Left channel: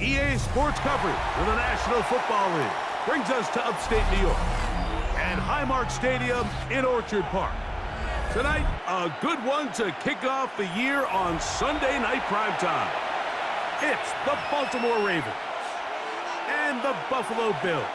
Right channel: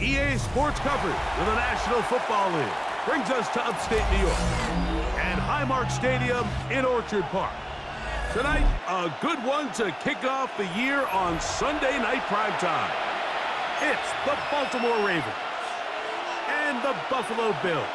EA Sports coverage of the National Football League brings us to upstate New York and Highmark Stadium in Orchard Park. Tonight, a good one to kick off the year on Sunday night primetime. It's the Baltimore Ravens and the Buffalo Bills.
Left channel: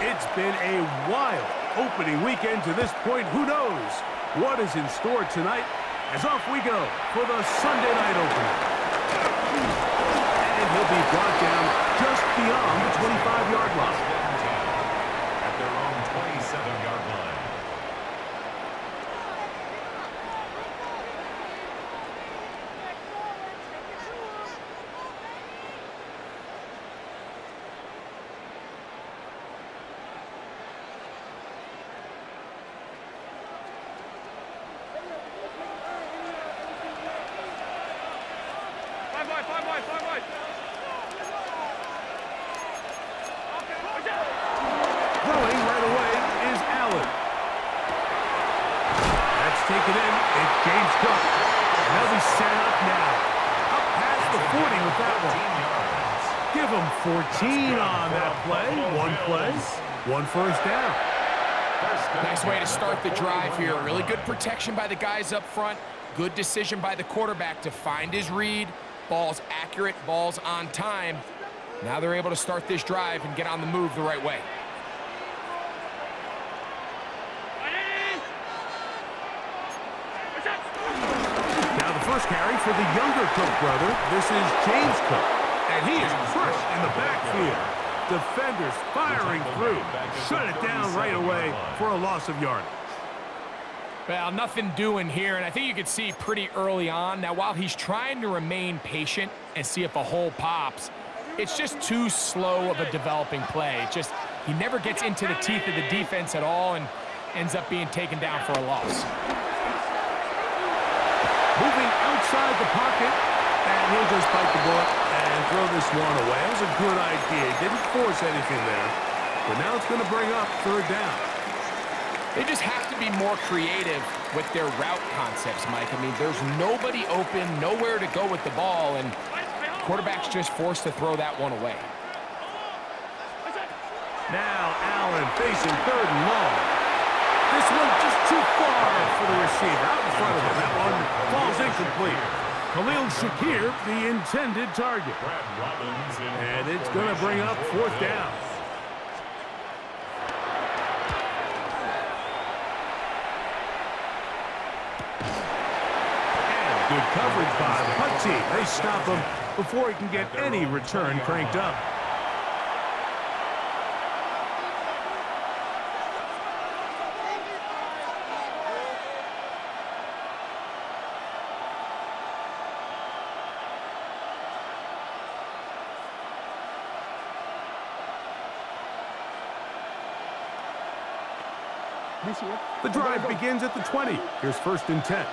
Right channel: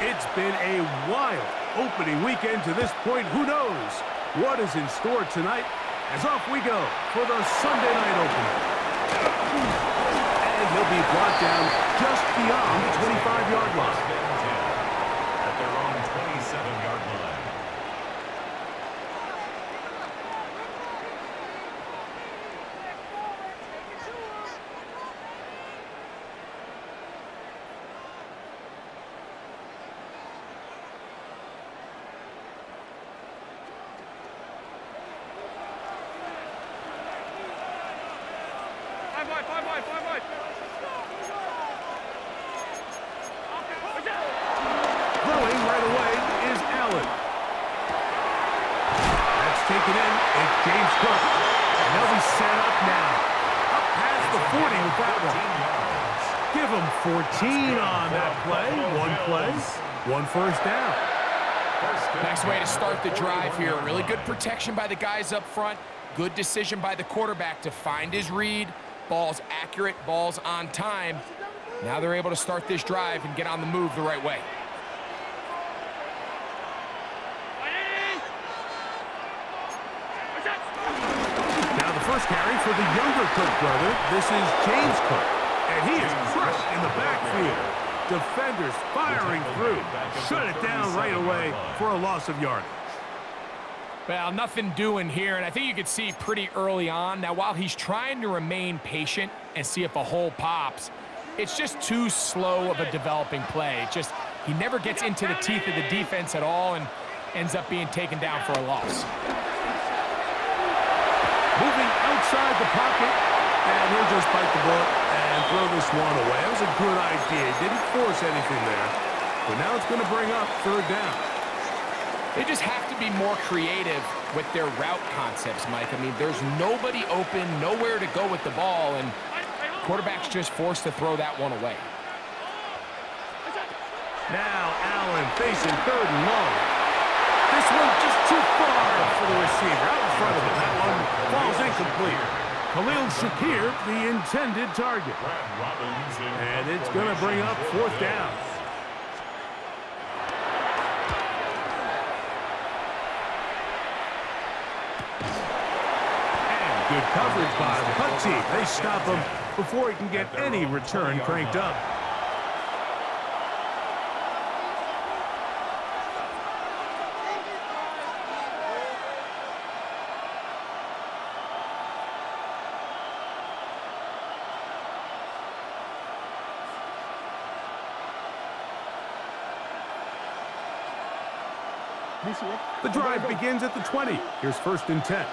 It's been a wild opening weekend to this point. Who knows what is in store tonight? As off we go for the Sunday night opener. And he'll be brought down just beyond the 25-yard line. At their own 27-yard line. Throwing right away is Allen. That's taken in. It's James Cook. And they'll be set up now. Up past the 40 with that one. Give him 14 on that play. One play, one first down. Nice way to start the drive here. Really good protection by the guys up front. Good decision by the quarterback to find his read. Ball's accurate, ball's on time. Now they're able to start this drive and get on the move the right way. Now the first carry for the younger Cook brother. This is James Cook. And he is crushed in the backfield. Defenders firing through. Shut it down right away for a loss of yardage. Well, nothing doing here, and I think you could see pretty early on. Now, while he's trying to remain patient and see if a hole pops, it's just too slow of a developing play. He never gets into the teeth of the defense at all and ends up being taken down for a loss. Moving outside the pocket, and he'll just bite the bullet and throw this one away. It was a good idea. He didn't force anything there, but now it's going to bring up third down. They just have to be more creative with their route concepts, Mike. I mean, there's nobody open, nowhere to go with the ball, and quarterback's just forced to throw that one away. Now Allen facing third and long. This one just too far for the receiver. Out in front of him. That one falls incomplete. Khalil Shakir, the intended target. And it's going to bring up fourth down. And good coverage by the punt team. They stop him before he can get any return cranked up. The drive begins at the 20. Here's first and 10.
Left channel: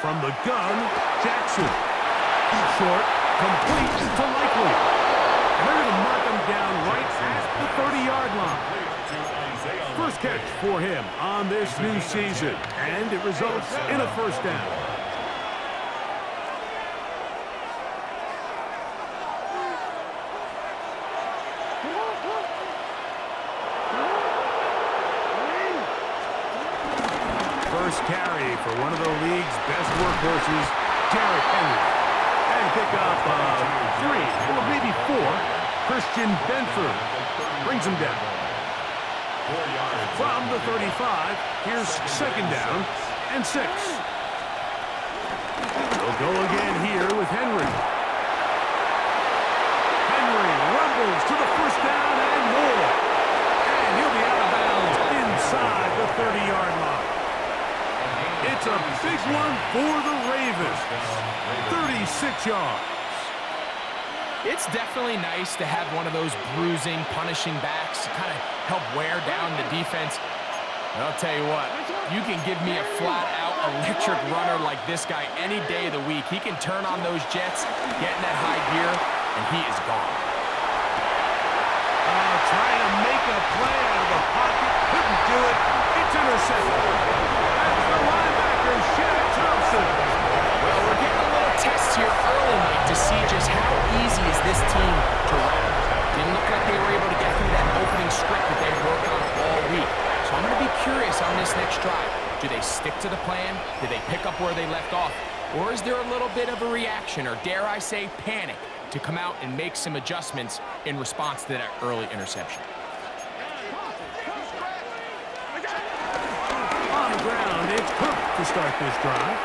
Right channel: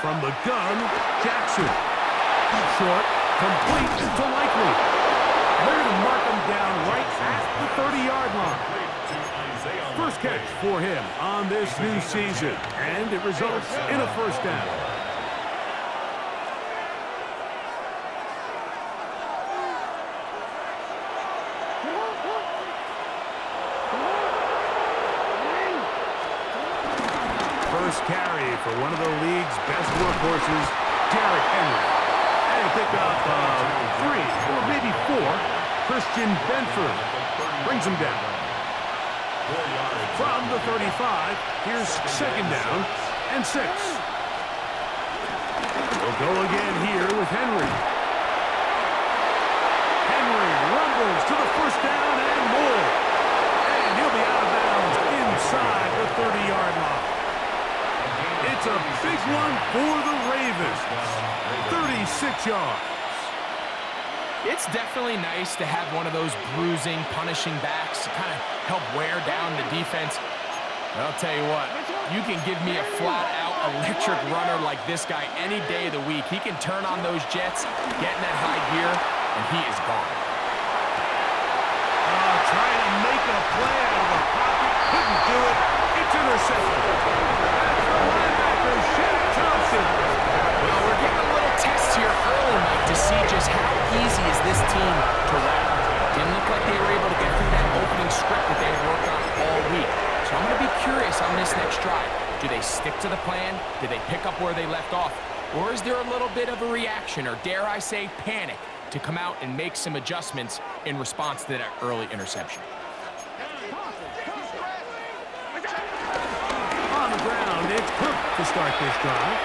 From the gun, Jackson. Short, complete to Likely. And they're going to mark him down right at the 30-yard line. First catch for him on this new season, and it results in a first down. first carry for one of the league's best workhorses, Derrick Henry. And pick up 3 or maybe 4, Christian Benford brings him down. From the 35, here's second down and 6. We'll go again here with Henry. Henry rumbles to the first down and more. And he'll be out of bounds inside the 30-yard line. It's a big one for the Ravens. 36 yards. It's definitely nice to have one of those bruising, punishing backs to kind of help wear down the defense. But I'll tell you what, you can give me a flat-out electric runner like this guy any day of the week. He can turn on those jets, get in that high gear, and he is gone. Trying to make a play out of the pocket. Couldn't do it. It's intercepted. That's the linebacker, Shaq Thompson. Well, we're getting a little test here early, Mike, to see just how easy is this team to wrap. Didn't look like they were able to get through that opening script that they had worked on all week. So I'm going to be curious on this next drive. Do they stick to the plan? Do they pick up where they left off? Or is there a little bit of a reaction, or dare I say panic, to come out and make some adjustments in response to that early interception? On the ground, it's Cook to start this drive.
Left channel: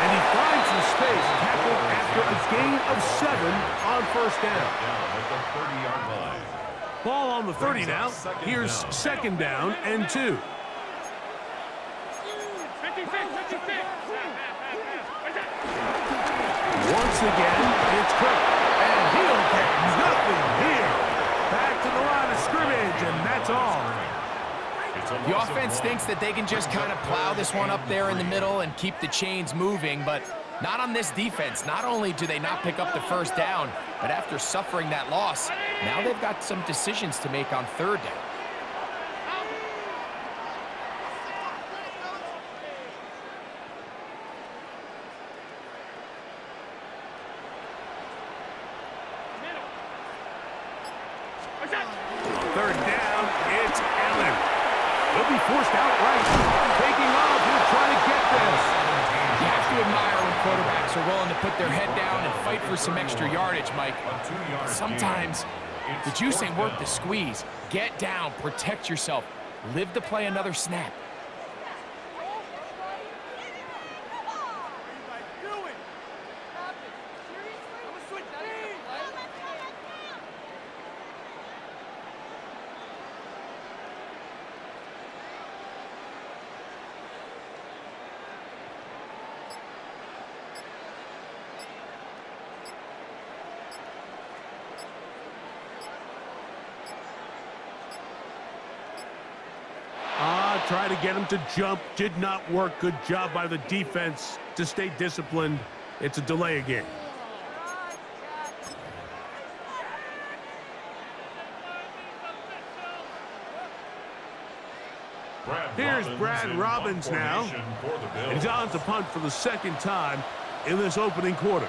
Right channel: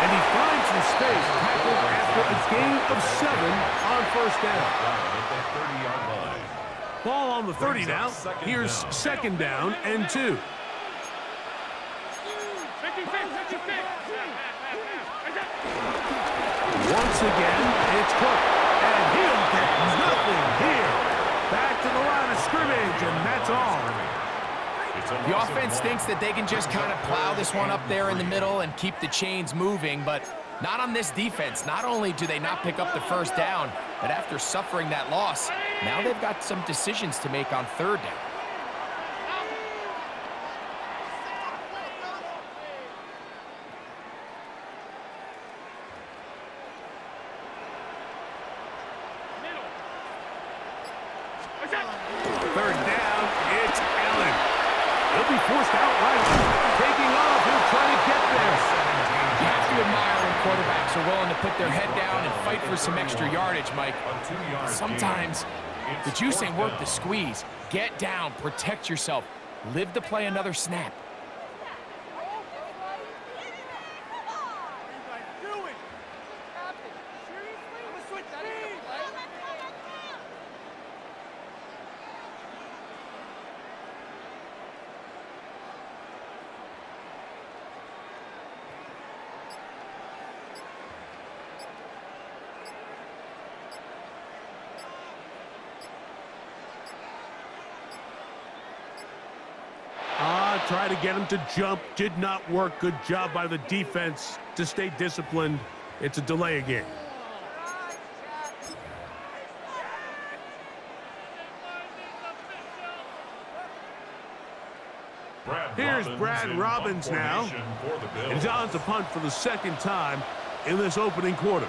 And he finds some space, tackled after a gain of 7 on first down. Ball on the 30 now. Here's second down and 2. Once again, it's Cook, and he'll get nothing here. Back to the line of scrimmage, and that's all. The offense thinks that they can just kind of plow this one up there in the middle and keep the chains moving, but not on this defense. Not only do they not pick up the first down, but after suffering that loss, now they've got some decisions to make on third down. Third down, it's Allen. He'll be forced outright. Taking off, he'll try to get there. You have to admire when quarterbacks are willing to put their head down and fight for some extra yardage, Mike. Sometimes the juice ain't worth the squeeze. Get down, protect yourself, live to play another snap. Try to get him to jump. Did not work. Good job by the defense to stay disciplined. It's a delay again. Here's Brad Robbins now. And he's on to punt for the second time in this opening quarter.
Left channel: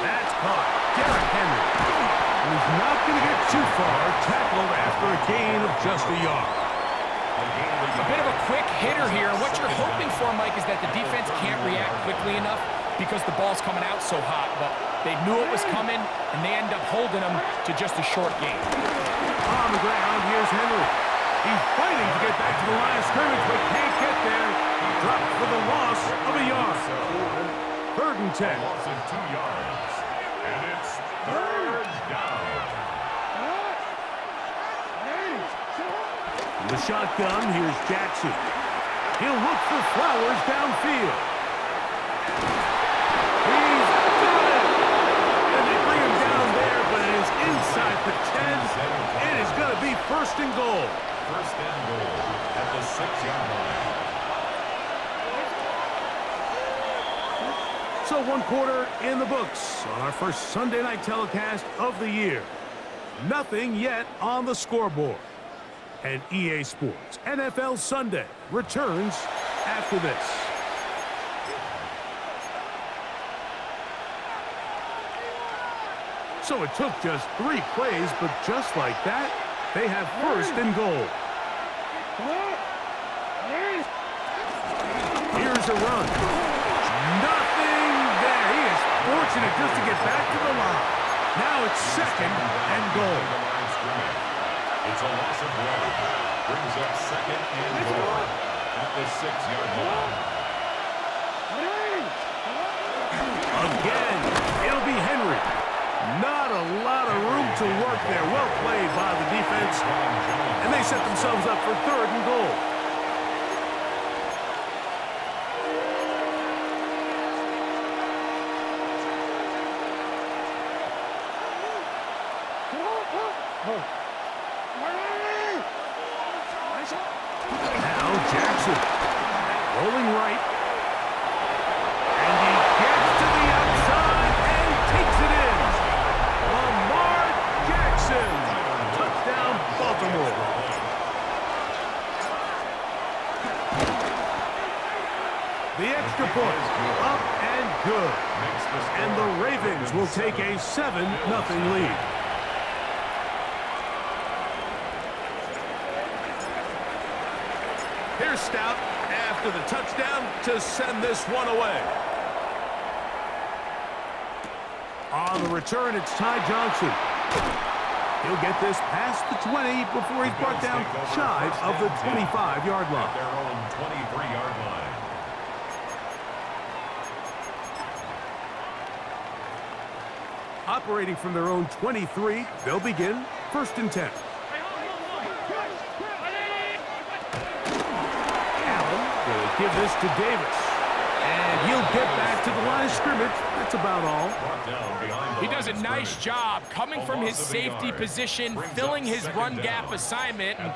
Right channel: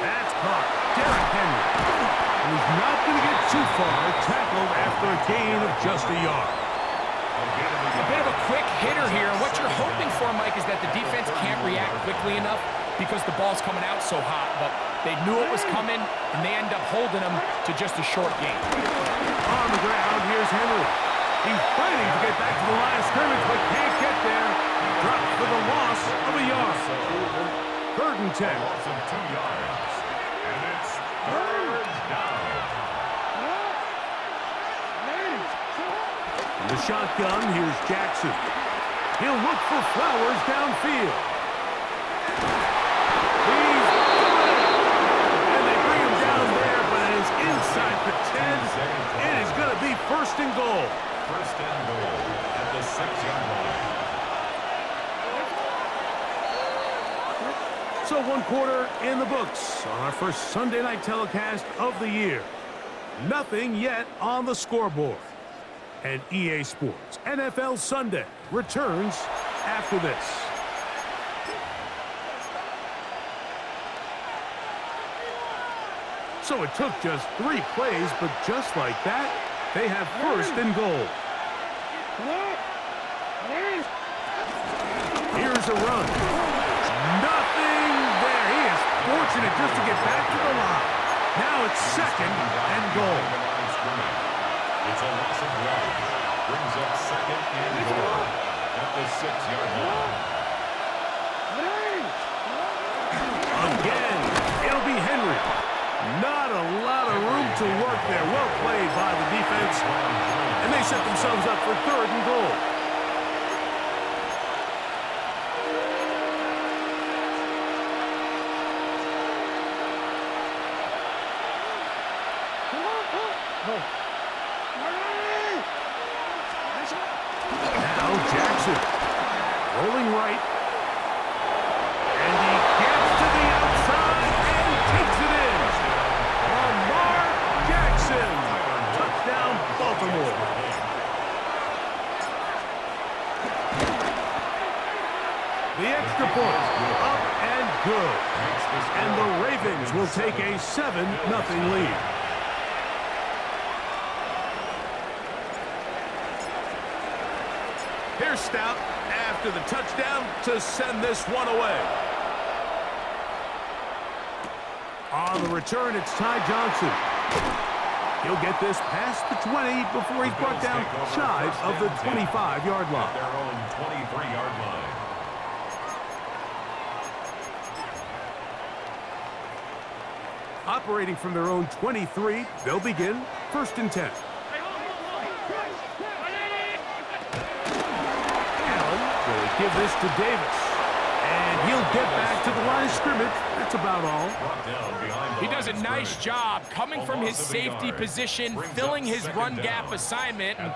That's caught. Derrick Henry. And he's not going to get too far. Tackled after a gain of just a yard. A bit of a quick hitter here. What you're hoping for, Mike, is that the defense can't react quickly enough because the ball's coming out so hot. But they knew it was coming, and they end up holding them to just a short gain. On the ground, here's Henry. He's fighting to get back to the line of scrimmage, but can't get there. Dropped for the loss of a yard. 3rd and 10. Loss of 2 yards. And it's 3rd down. The shotgun, here's Jackson. He'll look for Flowers downfield. He's got it! And they bring him down there, but it is inside the 10. It is going to be first and goal. First and goal at the 6-yard line. So 1 quarter in the books on our first Sunday night telecast of the year. Nothing yet on the scoreboard. And EA Sports NFL Sunday returns after this. So it took just 3 plays, but just like that, they have first and goal. Here's a run. Nothing there. He is fortunate just to get back to the line. Now it's second and goal. It's a loss of 1. Brings up second and goal at the 6-yard line. Again, it'll be Henry. Not a lot of room to work there. Well played by the defense. And they set themselves up for third and goal. Now Jackson rolling right. And he gets to the outside and takes it in. Lamar Jackson. Touchdown, Baltimore. The extra point up and good. And the Ravens will take a 7-0 lead. Here's Stout after the touchdown to send this one away. On the return, it's Ty Johnson. He'll get this past the 20 before he's brought down shy of the 25-yard line. At their own 23-yard line. Operating from their own 23, they'll begin first and 10. Going to give this to Davis. And he'll get back to the line of scrimmage. That's about all. He does a nice job coming from his safety position, filling his run gap assignment, and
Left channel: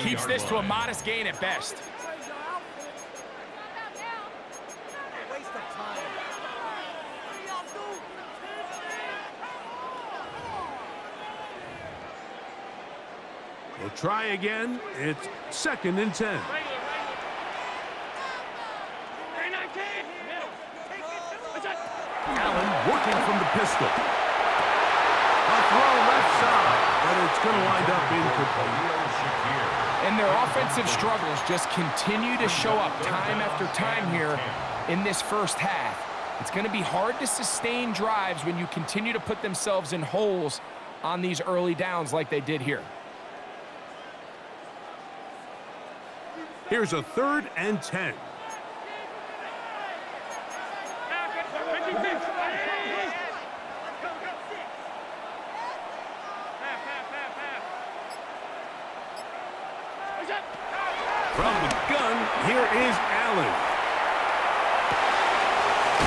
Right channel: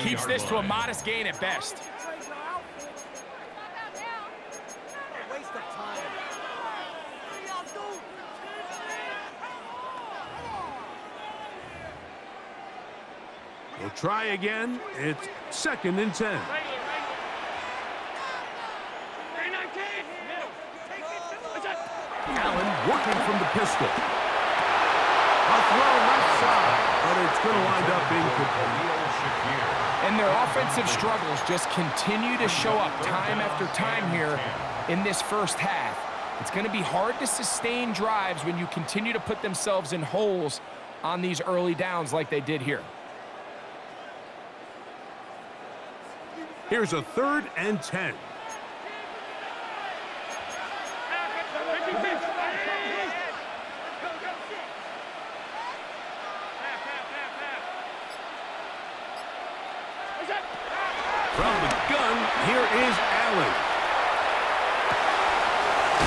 keeps this to a modest gain at best. Waste of time. We'll try again. It's second and 10. Allen working from the pistol. A throw left side, but it's going to wind up being complete. And their offensive struggles just continue to show up time after time here in this first half. It's going to be hard to sustain drives when you continue to put themselves in holes on these early downs like they did here. Here's a third and 10. From the gun, here is Allen.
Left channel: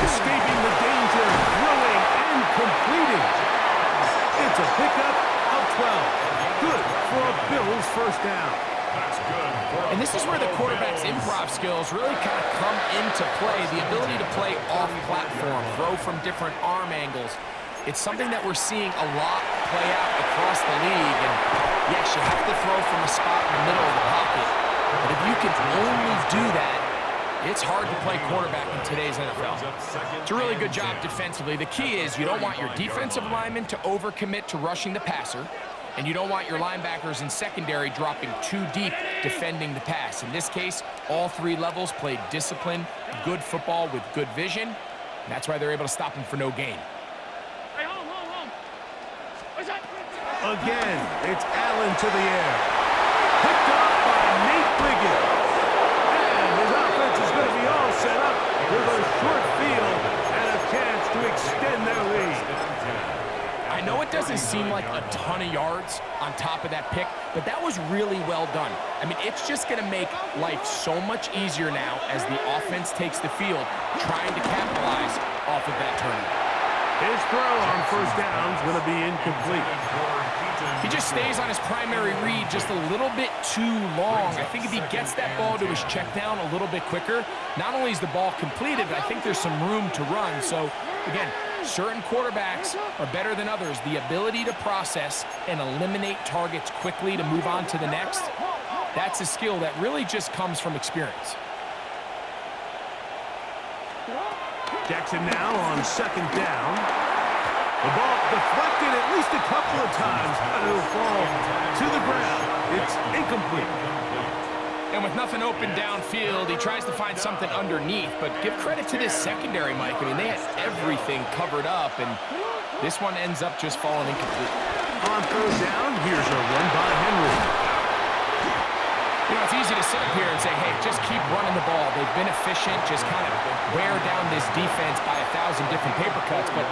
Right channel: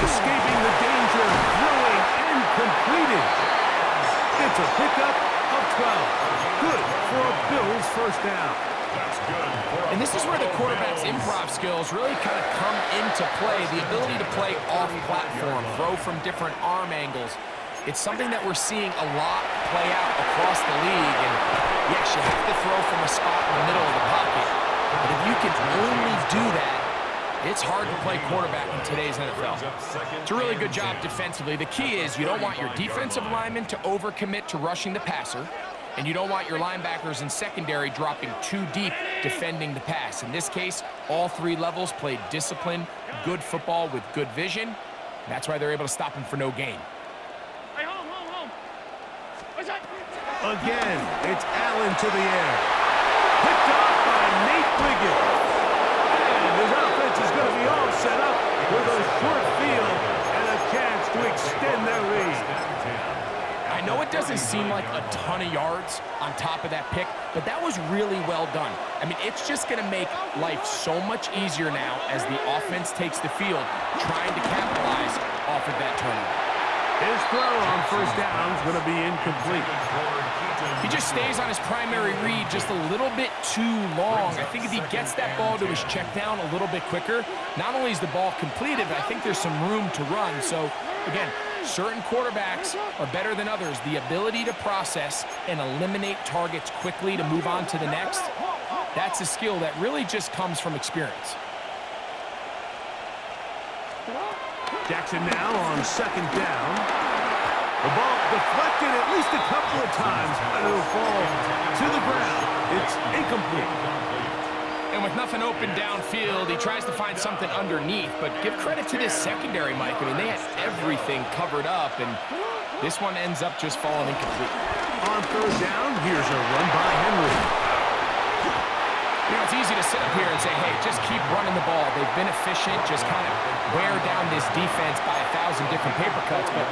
Escaping the danger, throwing and completing. It's a pickup of 12. Good for a Bills first down. That's good. And this is where the quarterback's improv skills really kind of come into play. The ability to play off-platform, throw from different arm angles. It's something that we're seeing a lot play out across the league. And yes, you have to throw from a spot in the middle of the pocket. But if you can only do that, it's hard to play quarterback in today's NFL. It's a really good job defensively. The key is you don't want your defensive linemen to overcommit to rushing the passer, and you don't want your linebackers in secondary dropping too deep defending the pass. In this case, all 3 levels played disciplined, good football with good vision. And that's why they're able to stop him for no gain. Again, it's Allen to the air. Picked off by Nate Wiggins. And his offense is going to be all set up with a short field and a chance to extend their lead. I know it doesn't seem like a ton of yards on top of that pick, but that was really well done. I mean, it's just going to make life so much easier now as the offense takes the field, trying to capitalize off of that turnover. His throw on first down is going to be incomplete. He just stays on his primary read just a little bit too long. I think if he gets that ball to his check down a little bit quicker, not only is the ball completed, but I think there's some room to run. So, again, certain quarterbacks are better than others. The ability to process and eliminate targets quickly to move on to the next, that's a skill that really just comes from experience. Jackson now on second down. The ball deflected at least a couple of times, but it'll fall to the ground. It's incomplete. And with nothing open downfield, he tries to find something underneath, but give credit to this secondary, Mike. I mean, they had everything covered up, and this one ends up just falling incomplete. On third down, here's a run by Henry. You know, it's easy to sit up here and say, hey, just keep running the ball. They've been efficient, just kind of wear down this defense by 1,000 different paper cuts. But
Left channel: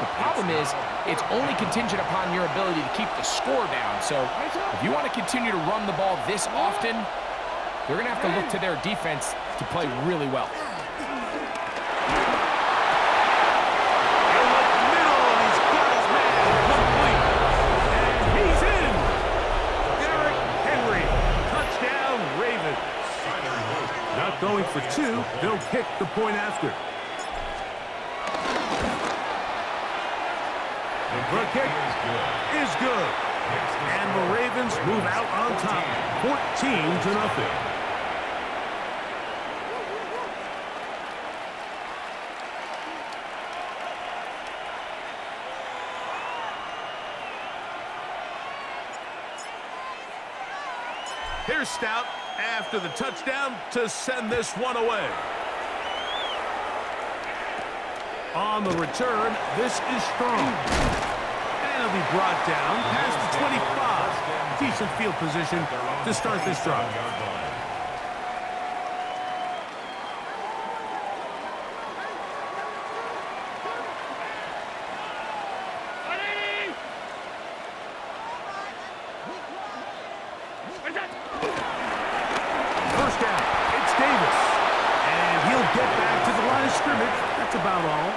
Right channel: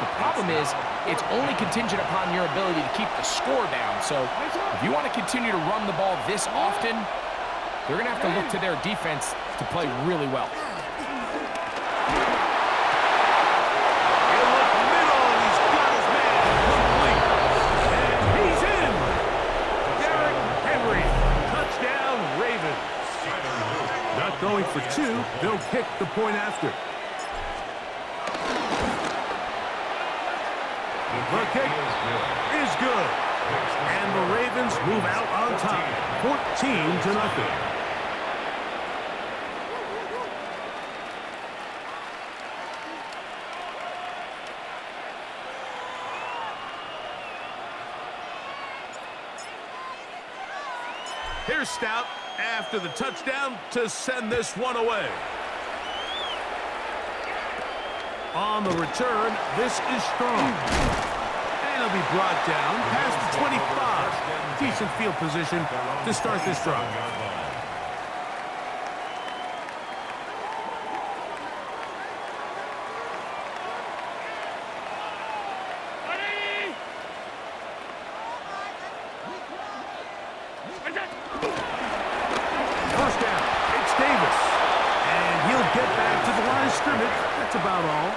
the problem is it's only contingent upon your ability to keep the score down. So if you want to continue to run the ball this often, they're going to have to look to their defense to play really well. He'll look middle, and he's got his man complete. And he's in. Derrick Henry. Touchdown, Ravens. Not going for two. They'll kick the point after. The kick is good. And the Ravens move out on top, 14-0. Here's Stout after the touchdown to send this one away. On the return, this is Strong. And he'll be brought down past the 25. Decent field position to start this drive. First down, it's Davis. And he'll get back to the line of scrimmage. That's about all.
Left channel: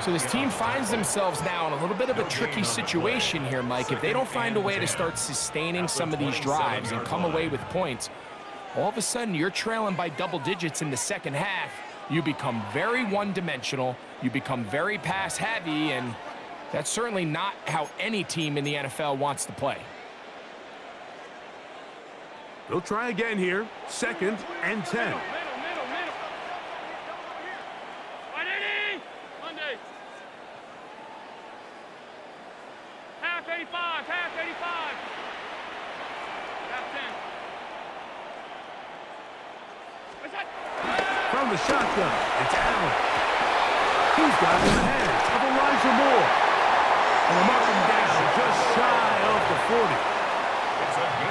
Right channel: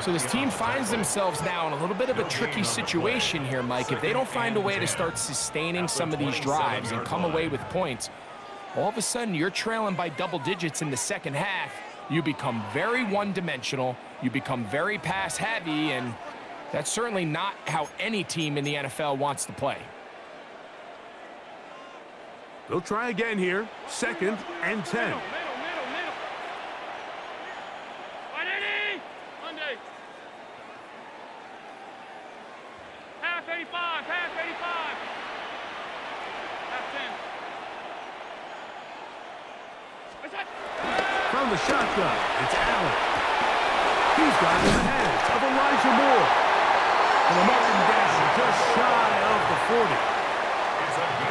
So this team finds themselves now in a little bit of a tricky situation here, Mike. If they don't find a way to start sustaining some of these drives and come away with points, all of a sudden you're trailing by double digits in the second half. You become very one-dimensional. You become very pass-heavy, and that's certainly not how any team in the NFL wants to play. They'll try again here. 2nd and 10. Half 85, half 85. Half 10. What's that? From the shotgun, it's Allen. He's got it in the hands of Elijah Moore. And they'll mark him down just shy of the 40.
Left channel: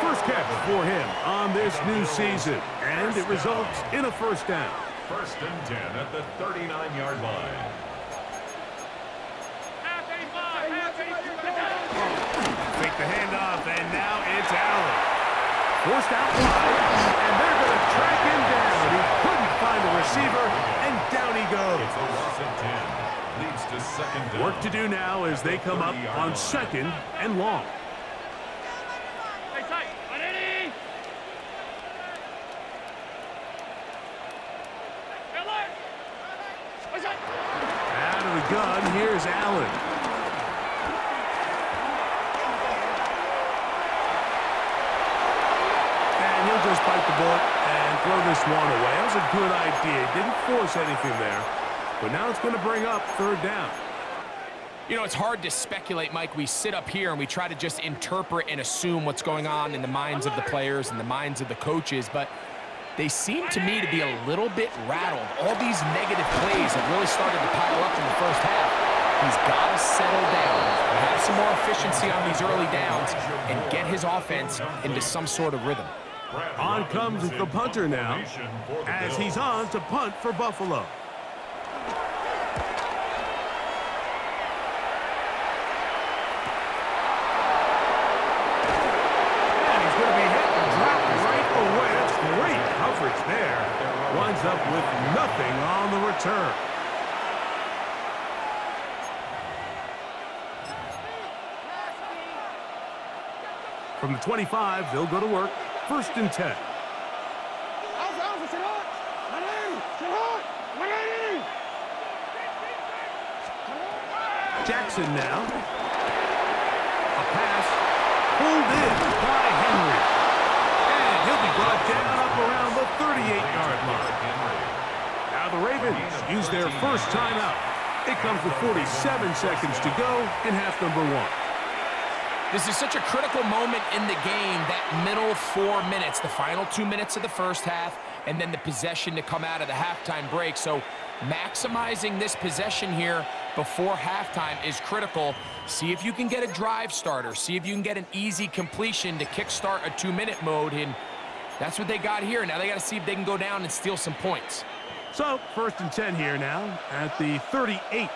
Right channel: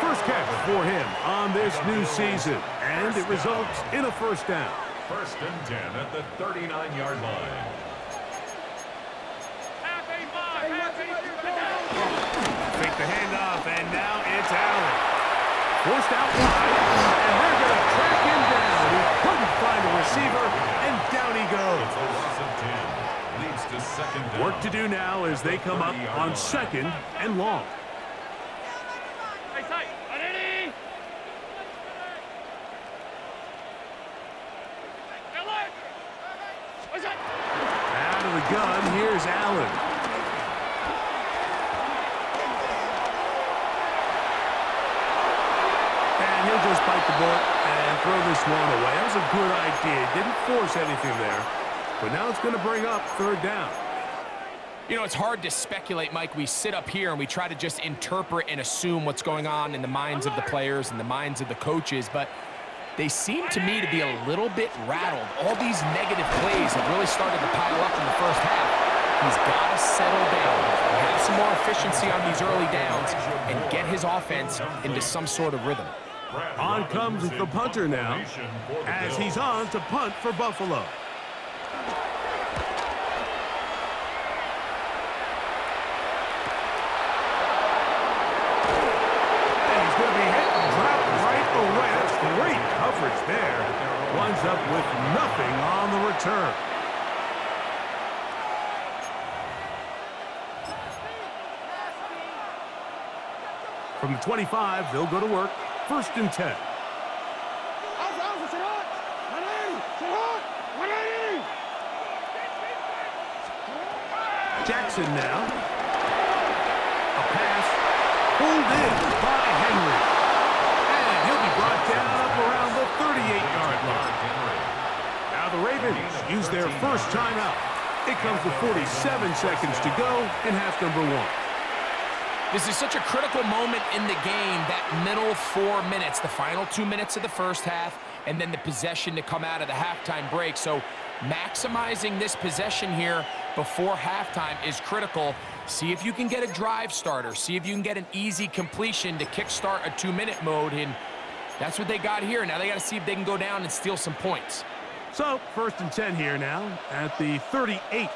First catch for him on this new season, and it results in a first down. 1st and 10 at the 39-yard line. Half 85, half 85. Fake the handoff, and now it's Allen. Forced out wide, and they're going to track him down. He couldn't find a receiver, and down he goes. It's a loss of 10. Leads to 2nd down. Work to do now as they come up on 2nd and long. Hey, tight. Ready? What's that? Out of the gun, here's Allen. And he'll just bite the bullet and throw this one away. That was a good idea. Didn't force anything there. But now it's going to bring up 3rd down. You know, it's hard to speculate, Mike. We sit up here and we try to just interpret and assume what's going on in the minds of the players and the minds of the coaches, but they seem to me to be a little bit rattled. All these negative plays have really started to pile up in the first half. He's got to settle down, have some more efficiency on these early downs, and get his offense into some sort of rhythm. On comes the punter now, as he's on to punt for Buffalo. coverage there. Winds up with nothing on the return. From the 25, they'll go to work. 1st and 10. Jackson now. A pass pulled in by Henry. And he'll be brought down up around the 38-yard line. Now the Ravens use their first timeout. It comes with 47 seconds to go in half number 1. This is such a critical moment in the game, that middle 4 minutes, the final 2 minutes of the first half, and then the possession to come out of the halftime break. So maximizing this possession here before halftime is critical. See if you can get a drive starter. See if you can get an easy completion to kickstart a 2-minute mode, and that's what they got here. Now they got to see if they can go down and steal some points. So 1st and 10 here now at the 38.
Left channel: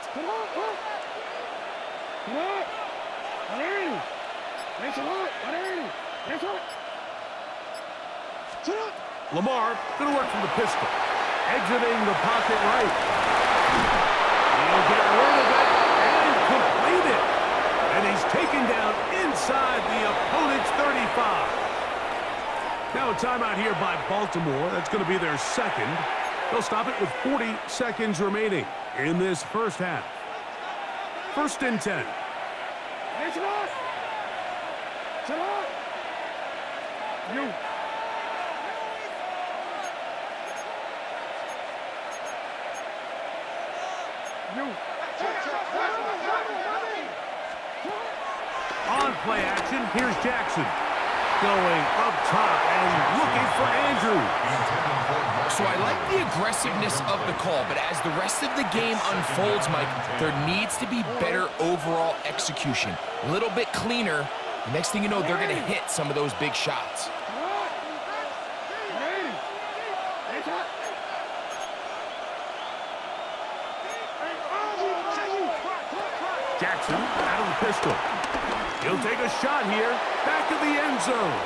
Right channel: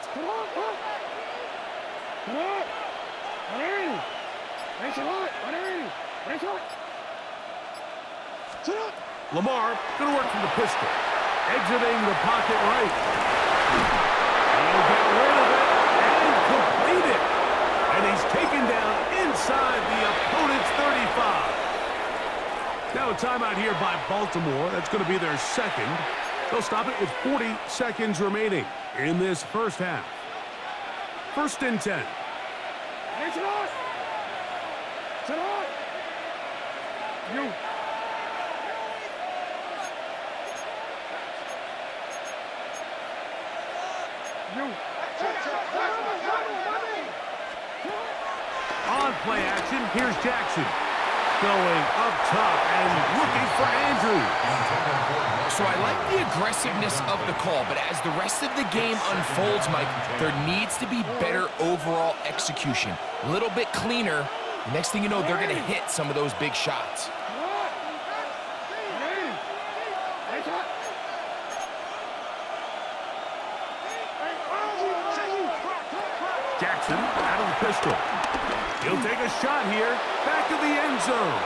Lamar going to work from the pistol. Exiting the pocket right. He'll get rid of it and complete it. And he's taken down inside the opponent's 35. Now a timeout here by Baltimore. That's going to be their second. They'll stop it with 40 seconds remaining in this first half. 1st and 10. On play action, here's Jackson. Going up top and looking for Andrews. So I like the aggressiveness of the call, but as the rest of the game unfolds, Mike, there needs to be better overall execution. A little bit cleaner. The next thing you know, they're going to hit some of those big shots. Jackson out of the pistol. He'll take a shot here. Back of the end zone.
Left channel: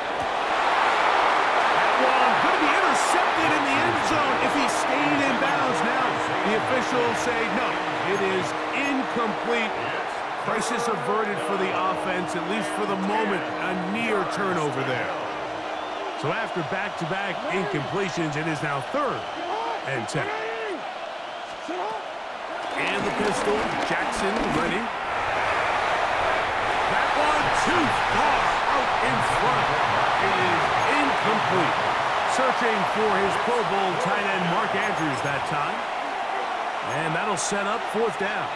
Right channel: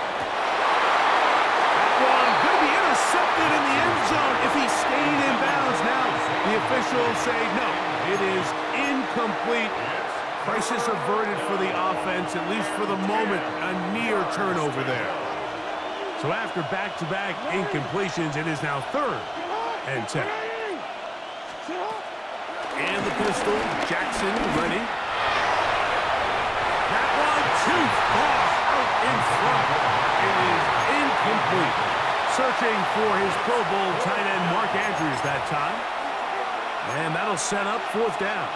That one going to be intercepted in the end zone if he stayed in bounds. Now the officials say no. It is incomplete. Crisis averted for the offense, at least for the moment. A near turnover there. So after back-to-back incompletions, it is now 3rd and 10. And the pistol. Jackson ready. That one too far out in front. It is incomplete. Searching for his Pro Bowl tight end Mark Andrews that time. And that'll set up 4th down.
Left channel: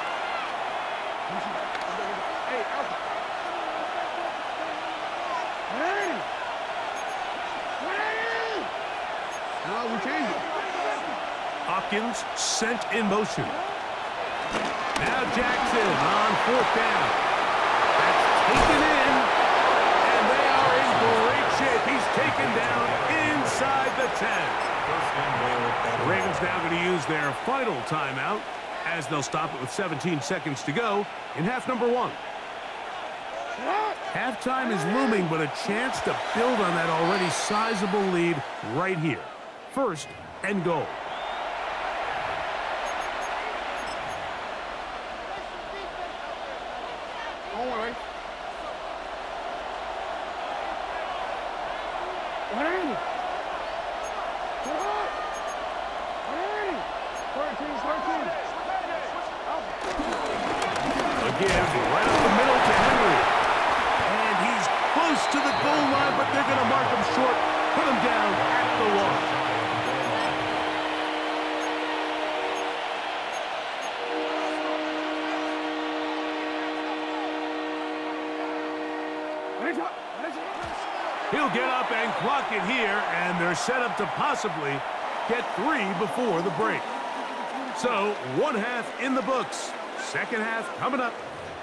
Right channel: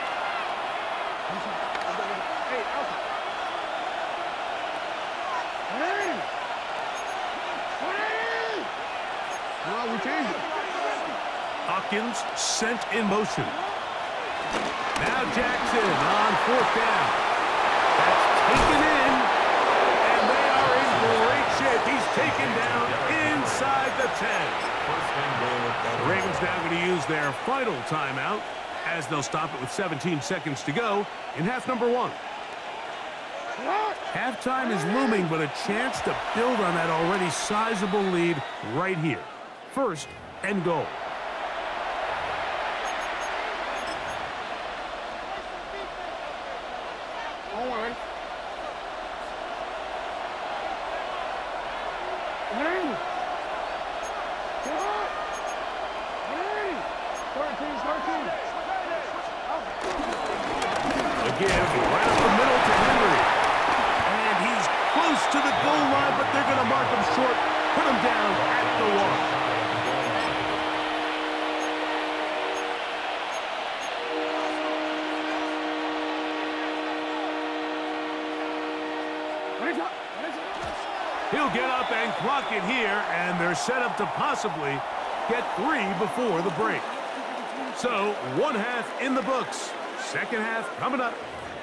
Hopkins sent in motion. Now Jackson on 4th down. That's taken in, and they are in great shape. He's taken down inside the 10. The Ravens now going to use their final timeout as they'll stop it with 17 seconds to go in half number 1. Halftime is looming, but a chance to build on that already sizable lead right here. 1st and goal. Again, right up the middle to Henry. And he's close to the goal line, but they're going to mark him short, put him down at the 1. He'll get up and clock it here, and they're set up to possibly get 3 before the break. So, 1 half in the books. 2nd half coming up.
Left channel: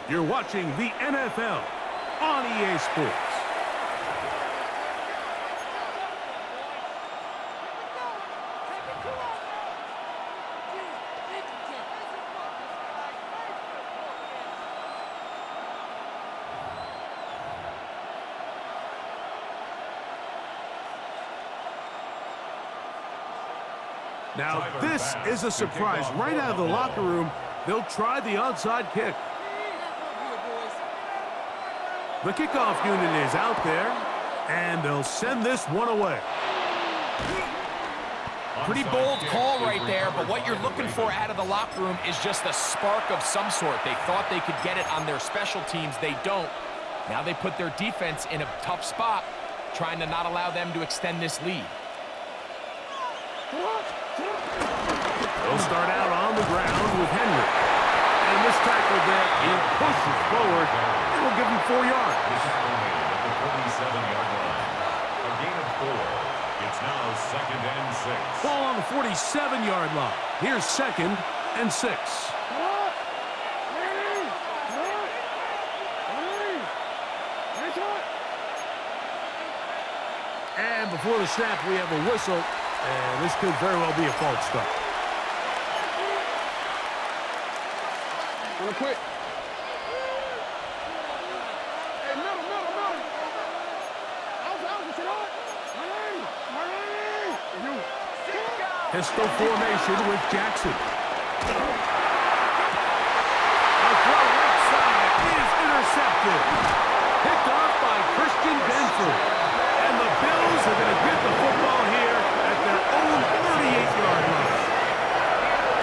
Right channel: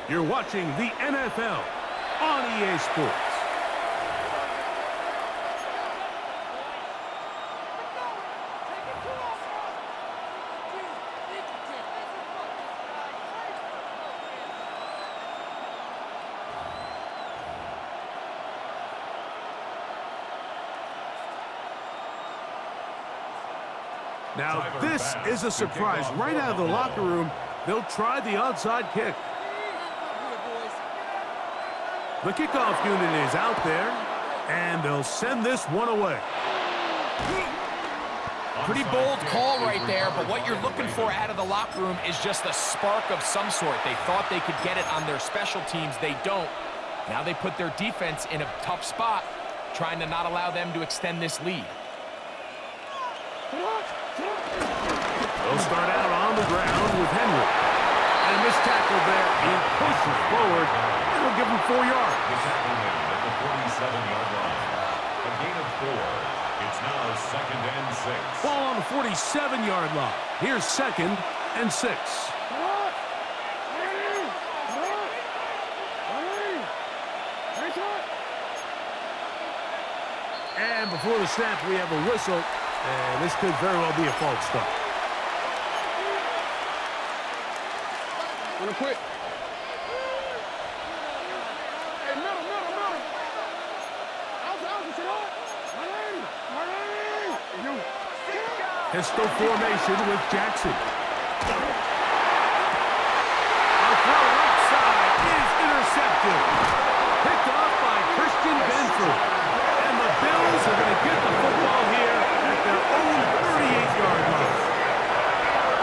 You're watching the NFL on EA Sports. Now, this is a surprise. Right out of the locker room, they'll try the onside kick. The kickoff unit is out there, and they'll send this one away. Pretty bold call right there, but what you're looking for out of the locker room is just a spark of some sort. They thought they could get it on their special teams. They don't. Now they put their defense in a tough spot, trying to not allow them to extend this lead. They'll start out on the ground with Henry. And a missed tackle there. He pushes forward, and will give him 4 yards. The tackle made at the 47-yard line. A gain of 4. It's now 2nd and 6. Ball on the 47-yard line. Here's 2nd and 6. And before the snap, we have a whistle, and this could very well be a false start. Wanna quit? Hey, middle. Out, sit on. You. Pistol formation with Jackson. A throw right side is intercepted. Picked off by Christian Benford. And the Bills are going to get the football here at their own 38-yard line.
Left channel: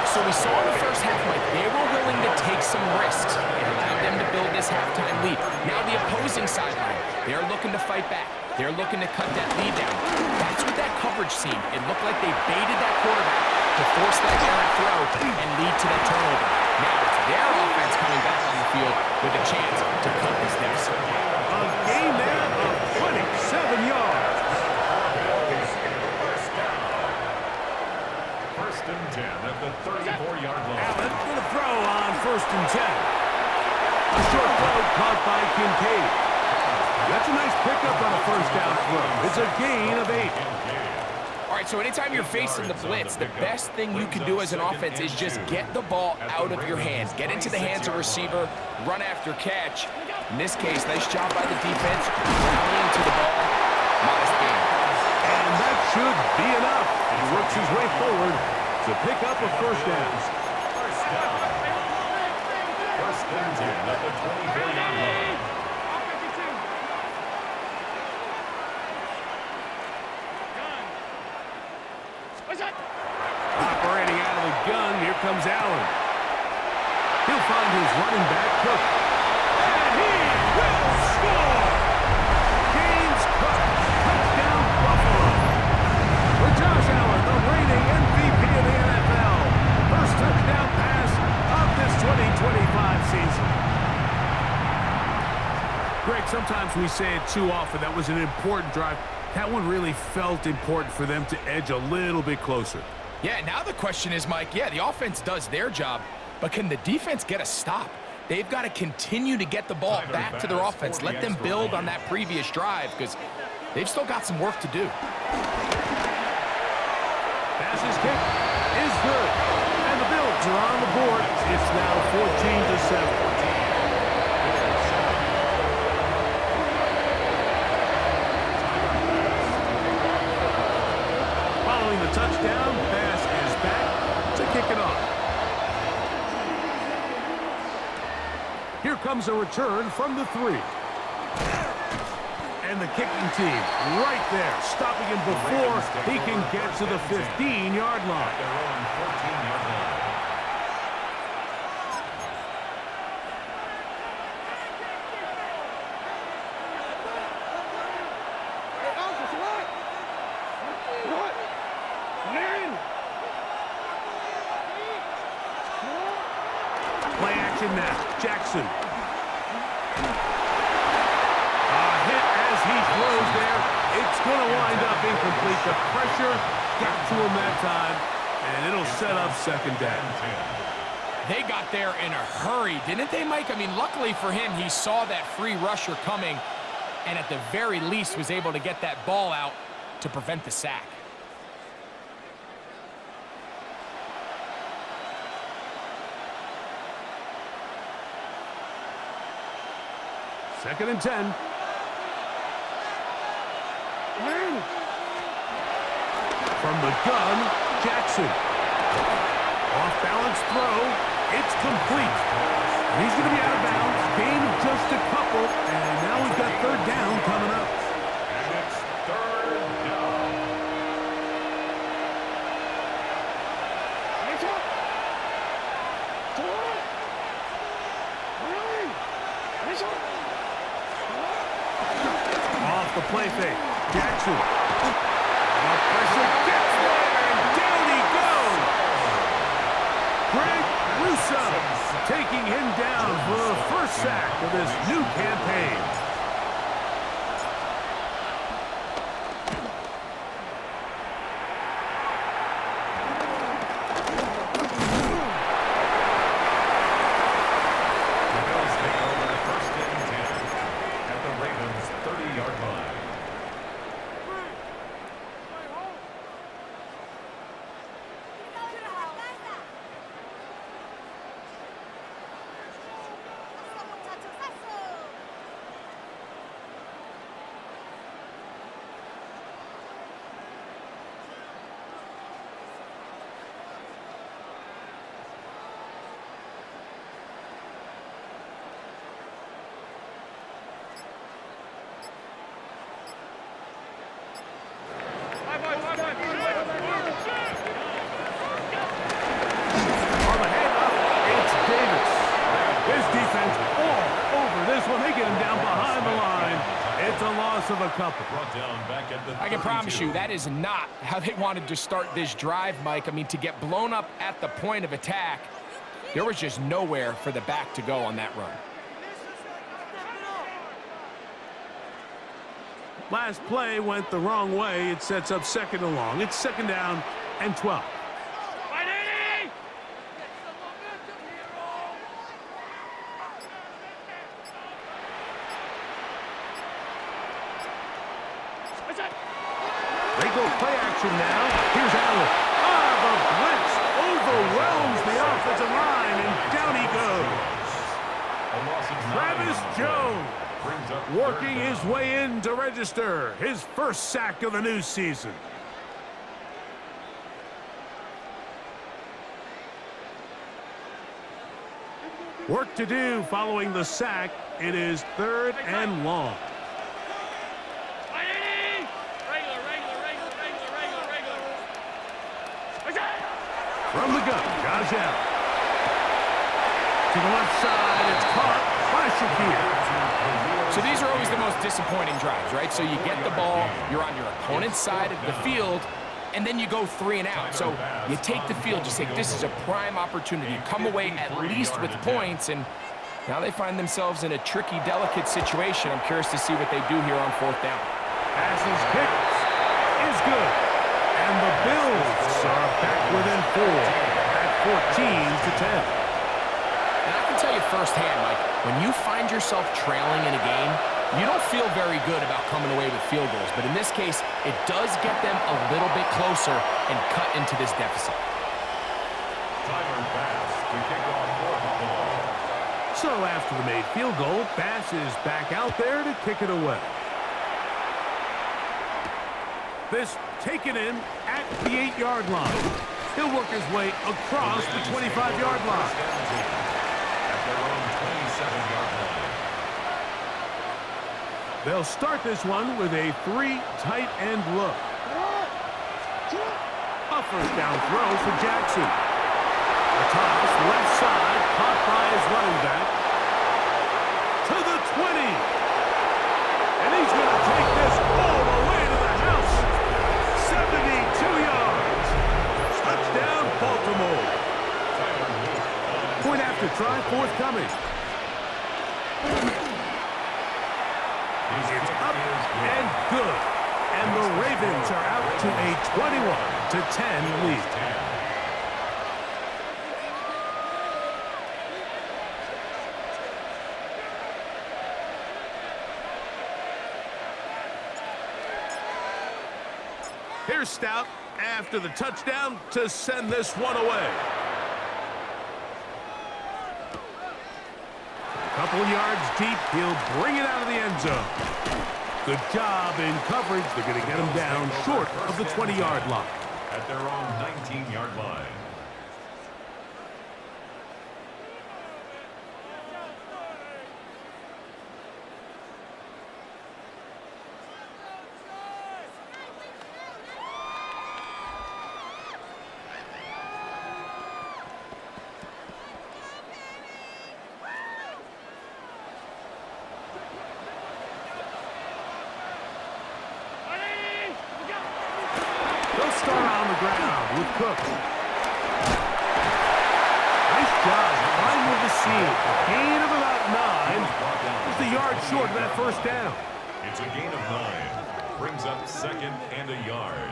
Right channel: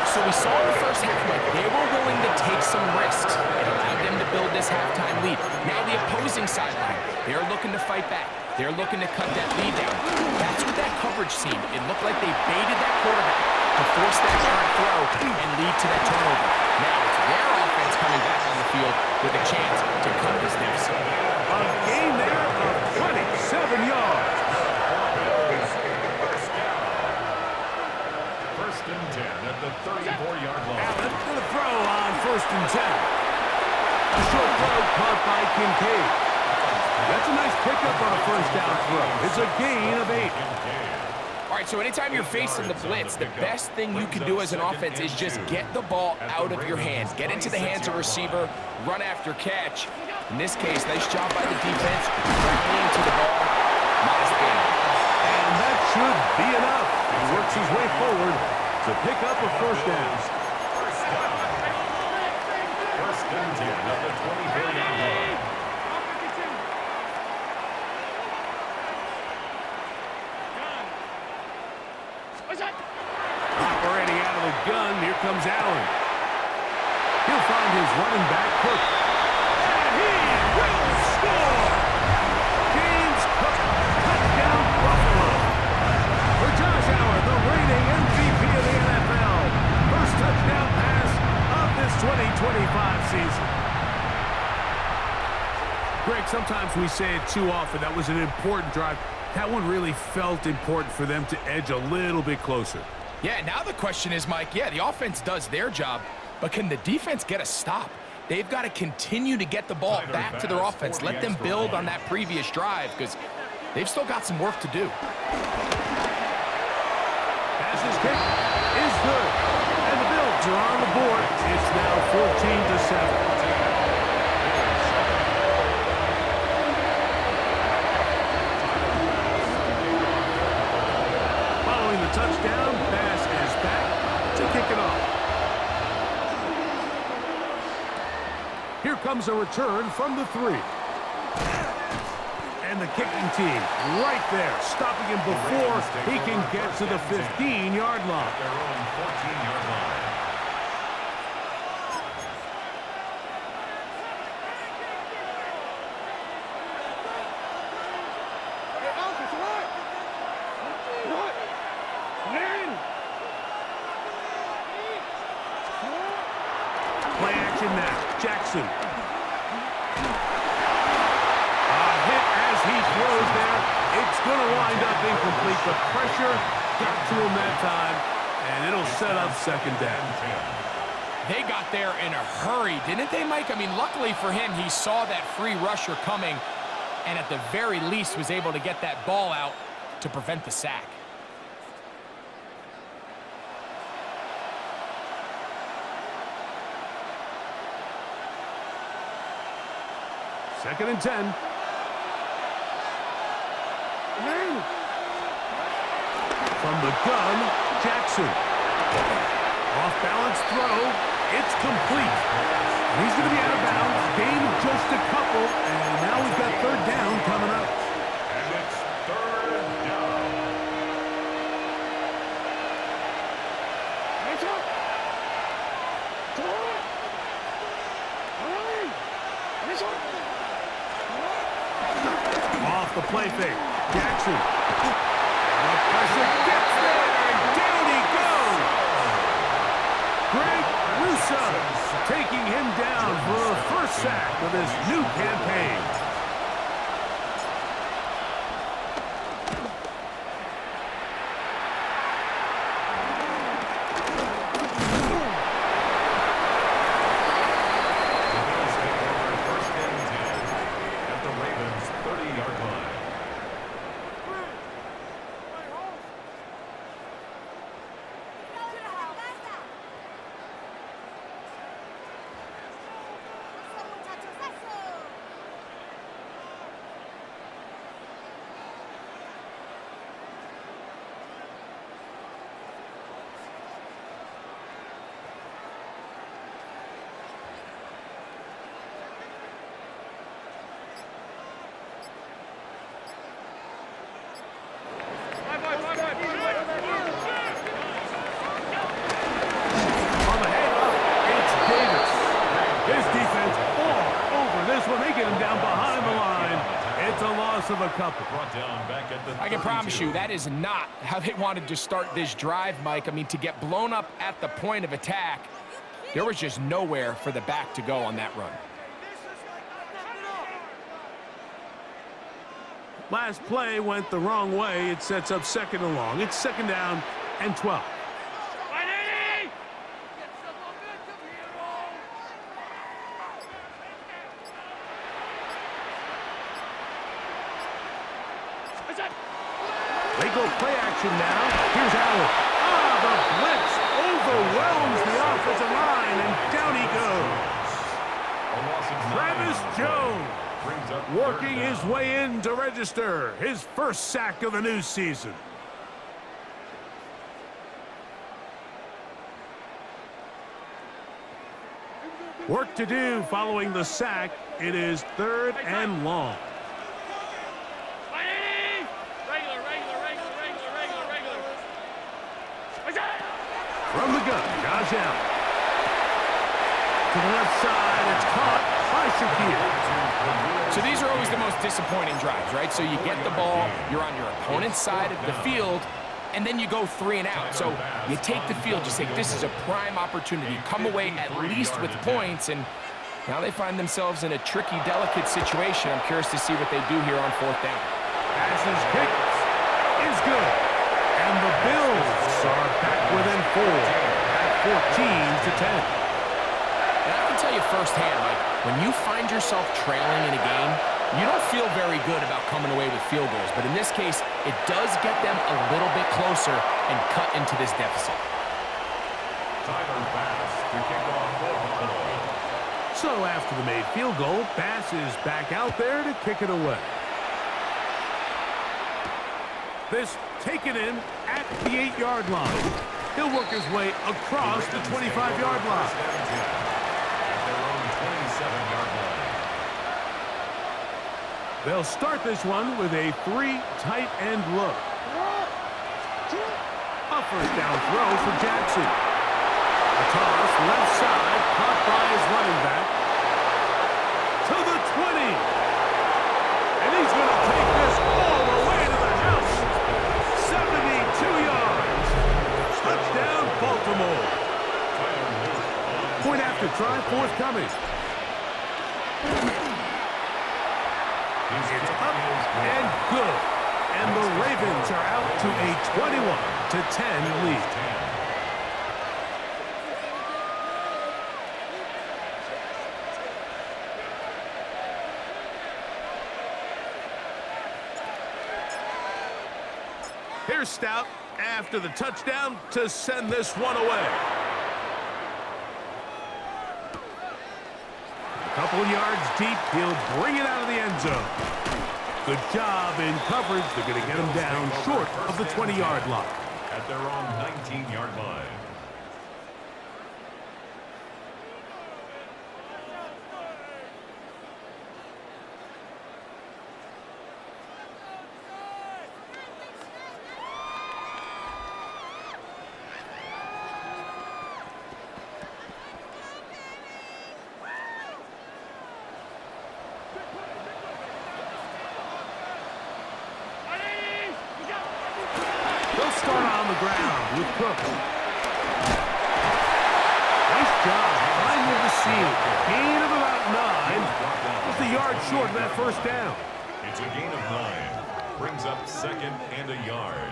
So we saw in the first half, Mike, they were willing to take some risks. It allowed them to build this halftime lead. Now the opposing sideline, they're looking to fight back. They're looking to cut that lead down. That's what that coverage seemed. It looked like they baited that quarterback to force that errant throw and lead to that turnover. Now it's their offense coming back on the field with a chance to cut this deficit. A gain there of 27 yards. First and 10 at the 34-yard line. Allen going to throw on 1st and 10. A short throw caught by Kincaid. That's a nice pickup on a 1st down throw. It's a gain of 8. All right, so anytime you're facing the blitz, the best thing you can do as an offense is just get the ball out of your hands. Get into the hands of receiver, run after catch. In this case, nice job by the defense, rallying to the ball. Modest gain. And that should be enough. He works his way forward to pick up a 1st down. First and 10 at the 24-yard line. Operating out of the gun, here comes Allen. He'll find his running back, Cook. And he will score! James Cook, touchdown Buffalo. For Josh Allen, the reigning MVP of the NFL. First touchdown pass of this 2025 season. Greg, sometimes we say it too often. That was an important drive. That one really felt important for them to edge a little bit closer. Yeah, now the question is, Mike, yeah, the offense does their job, but can the defense get a stop? They've got to continue to get the ball back to their offense. Let them build on that previous drive because they've still got some work to do. Pass's kick is good. And the Bills are on the board. It's now 14-7. Following the touchdown, Bass is back to kick it off. Here comes a return from the 3. And the kicking team right there, stopping him before he can get to the 15-yard line. At their own 14-yard line. Play action now. Jackson. A hit as he throws there. It's going to wind up incomplete. The pressure got to him that time, and it'll set up 2nd down. They got there in a hurry, didn't they, Mike? I mean, luckily for him, he saw that free rusher coming and at the very least was able to get that ball out to prevent the sack. Second and 10. From the gun, Jackson. Off-balance throw. It's complete. And he's going to be out of bounds. Gain of just a couple. And now we've got third down coming up. And it's third down. Nice one. To it. Early. Nice one. Off the play fake. Jackson. The pressure gets there, and down he goes. Greg Russo taking him down for the first sack of this new campaign. The Bills take over first and 10 at the Ravens' 30-yard line. On the handoff, it's Davis. His defense all over this one. They get him down behind the line. It's a loss of a couple. Brought down back at the I can promise 32. you that is not how they wanted to start this drive, Mike. I mean, to get blown up at the point of attack, there was just nowhere for the back to go on that run. Last play went the wrong way. It sets up second and long. It's second down and 12. They go play action now. Here's Allen. The blitz overwhelms the offensive line, and down he goes. A loss of 9 Travis on the play. Jones Brings up working third his down. way in to register his first sack of the new season. Work to do following the sack. It is third and long. From the gun, Josh Allen. To the left side, it's caught by Shakir. So these are always the most disappointing drives, right? So you get the ball, you're on your opponent's side of the field, and then you go 3 and out. So you take the field, you say, this is a prime opportunity. Come away at least with points, and now they find themselves in a tricky, delicate situation. I'm curious to see what they do here on fourth down. Passes kick is good. And the Bills are back within 4 at 14-10. And I can tell you firsthand, Mike, when you find yourself trailing in a game, you don't feel very good about coming away with field goals. But in this case, it does get them a little bit closer and cut into this deficit. Tyler Bass to kick off for Buffalo. So after the made field goal, Bass is back out there to kick it away. This taken in at the 8-yard line. He'll work his way across the 25-yard line. First and 10 at their own 27-yard line. They'll start this one with a 3 tight end look. A first down throw for Jackson. A toss left side, caught by his running back. To the 20. And he's going to take this all the way to the house. 72 yards. Touchdown, Baltimore. Point after try forthcoming. It's up and good. And the Ravens are out to a 21-10 lead. Here's Stout after the touchdown to send this one away. A couple yards deep, he'll bring it out of the end zone. Good job in coverage. They're going to get him down short of the 20-yard line. at their own 19-yard line. They'll start on the ground with Cook. Nice job finding the seam. Gain of about 9. Just a yard short of that first down. It's a gain of 9. Brings up 2nd and a yard.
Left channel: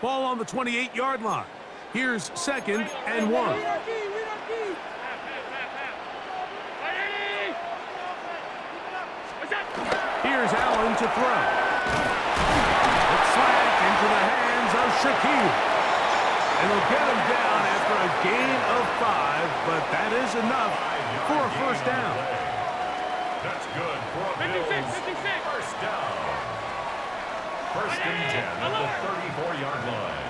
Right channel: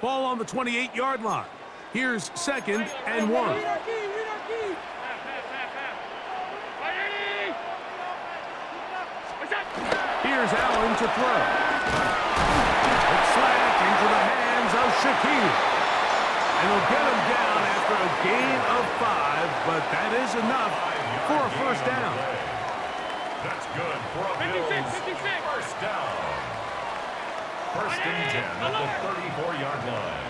Ball on the 28-yard line. Here's 2nd and 1. Here's Allen to throw. It's slant into the hands of Shaquille. And they'll get him down after a gain of 5, but that is enough for a first down. That's good for a Bills first down. 1st and 10 at the 34-yard line.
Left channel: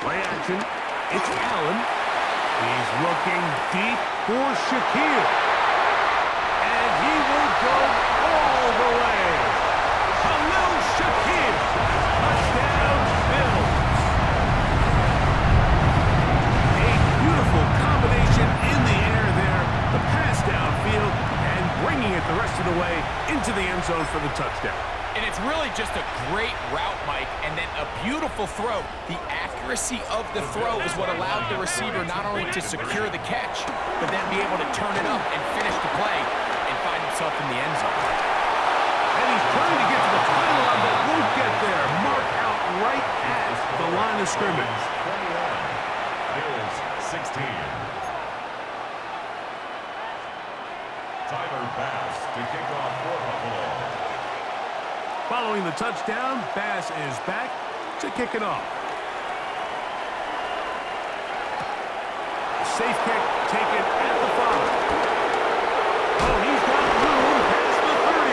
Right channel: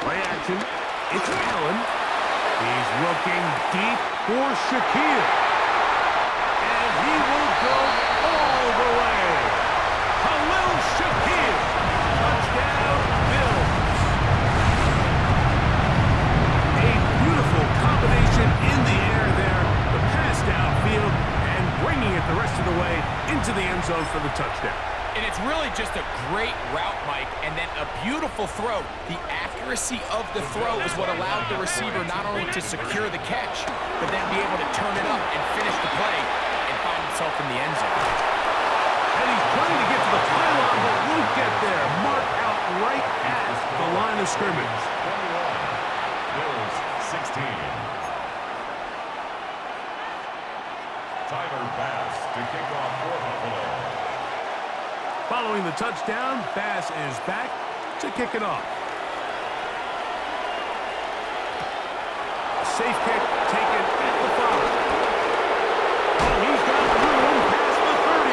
Play action. It's Allen. He's looking deep for Shaquille. And he will go all the way. Khalil Shaquille. Touchdown, Bills. A beautiful combination in the air there. The pass downfield and bringing it the rest of the way into the end zone for the touchdown. And it's really just a great route, Mike, and then a beautiful throw. The accuracy of the throw is what allowed the receiver not only to secure the catch, but then be able to turn it up and finish the play and find himself in the end zone. And he's trying to get to the pylon, but won't get there. Marked out right at the line of scrimmage. 21. Bills 16. Tyler Bass to kick off for Buffalo. Following the touchdown, Bass is back to kick it off. A safe kick taken at the 5. Oh, he's got room past the 30.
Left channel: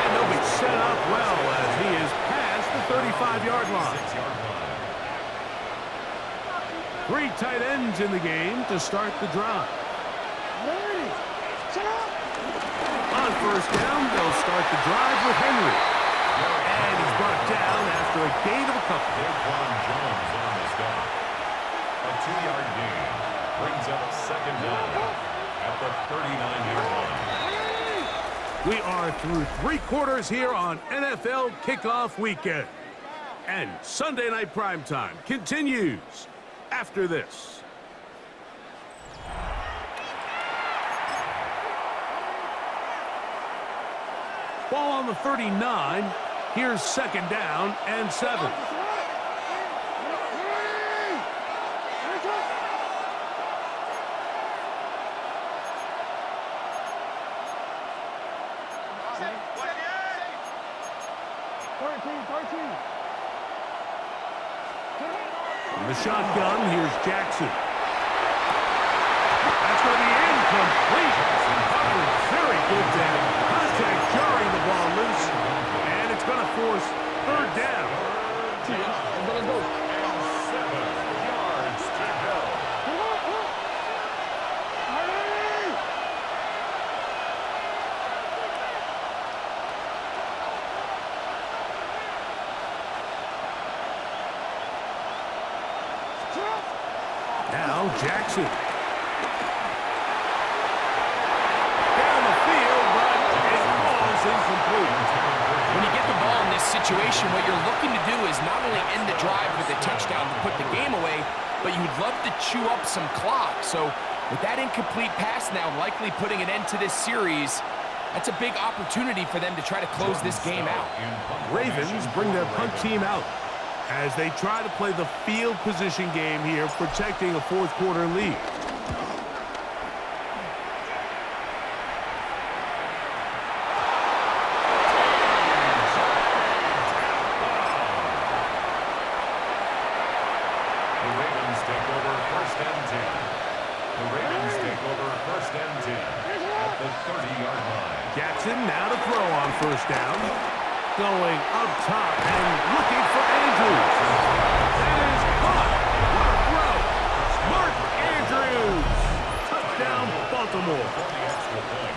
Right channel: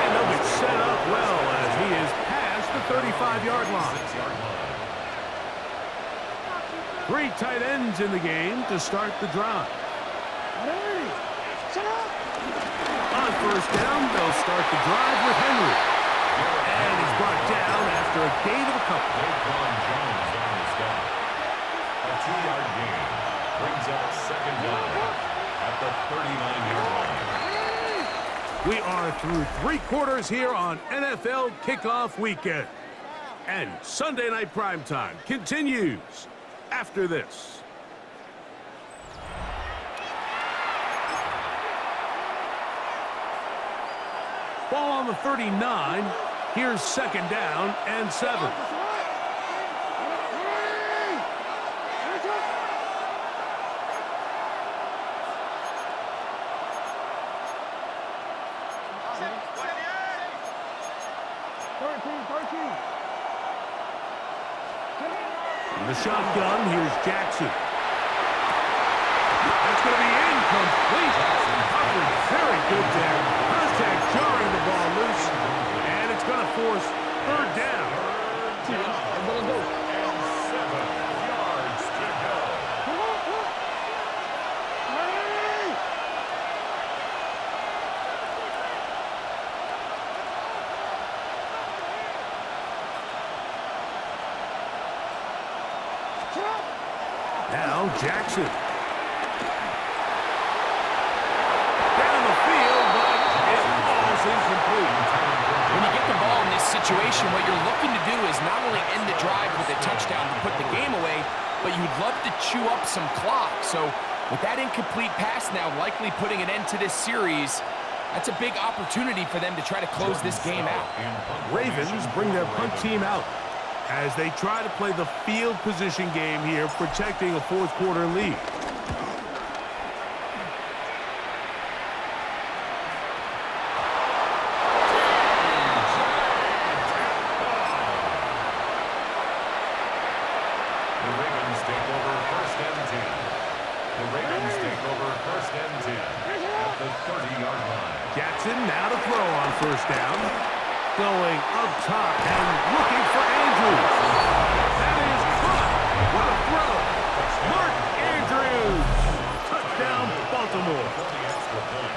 And they'll be set up well as he is past the 35-yard line. 6-yard line. 3 tight ends in the game to start the drive. On first down, they'll start the drive with Henry. And he's brought down after a gain of a couple. Daquan Jones on the stop. A 2-yard gain brings up 2nd down at the 39-yard line. We are through 3 quarters here on NFL Kickoff Weekend. And Sunday Night Primetime continues after this. Ball on the 39. Here's 2nd down and 7. In the shotgun, here's Jackson. That's going to be incomplete. Coverage very good there. Contact jarring the ball loose. And it's going to force 3rd down. And 7 yards to go. Now Jackson. Down the field, but it falls incomplete. When you get the ball in this situation, what you're looking to do is not only end the drive with a touchdown to put the game away, but you'd love to chew up some clock. So with that incomplete pass now likely putting an end to this series, that's a big opportunity for them to try to close this game out. Ravens bring their punt team out as they try to play the field position game here, protecting a 4th quarter lead. throw on first down. Going up top and looking for Andrews. That is caught. What a throw. Mark Andrews. Touchdown, Baltimore. For the extra point.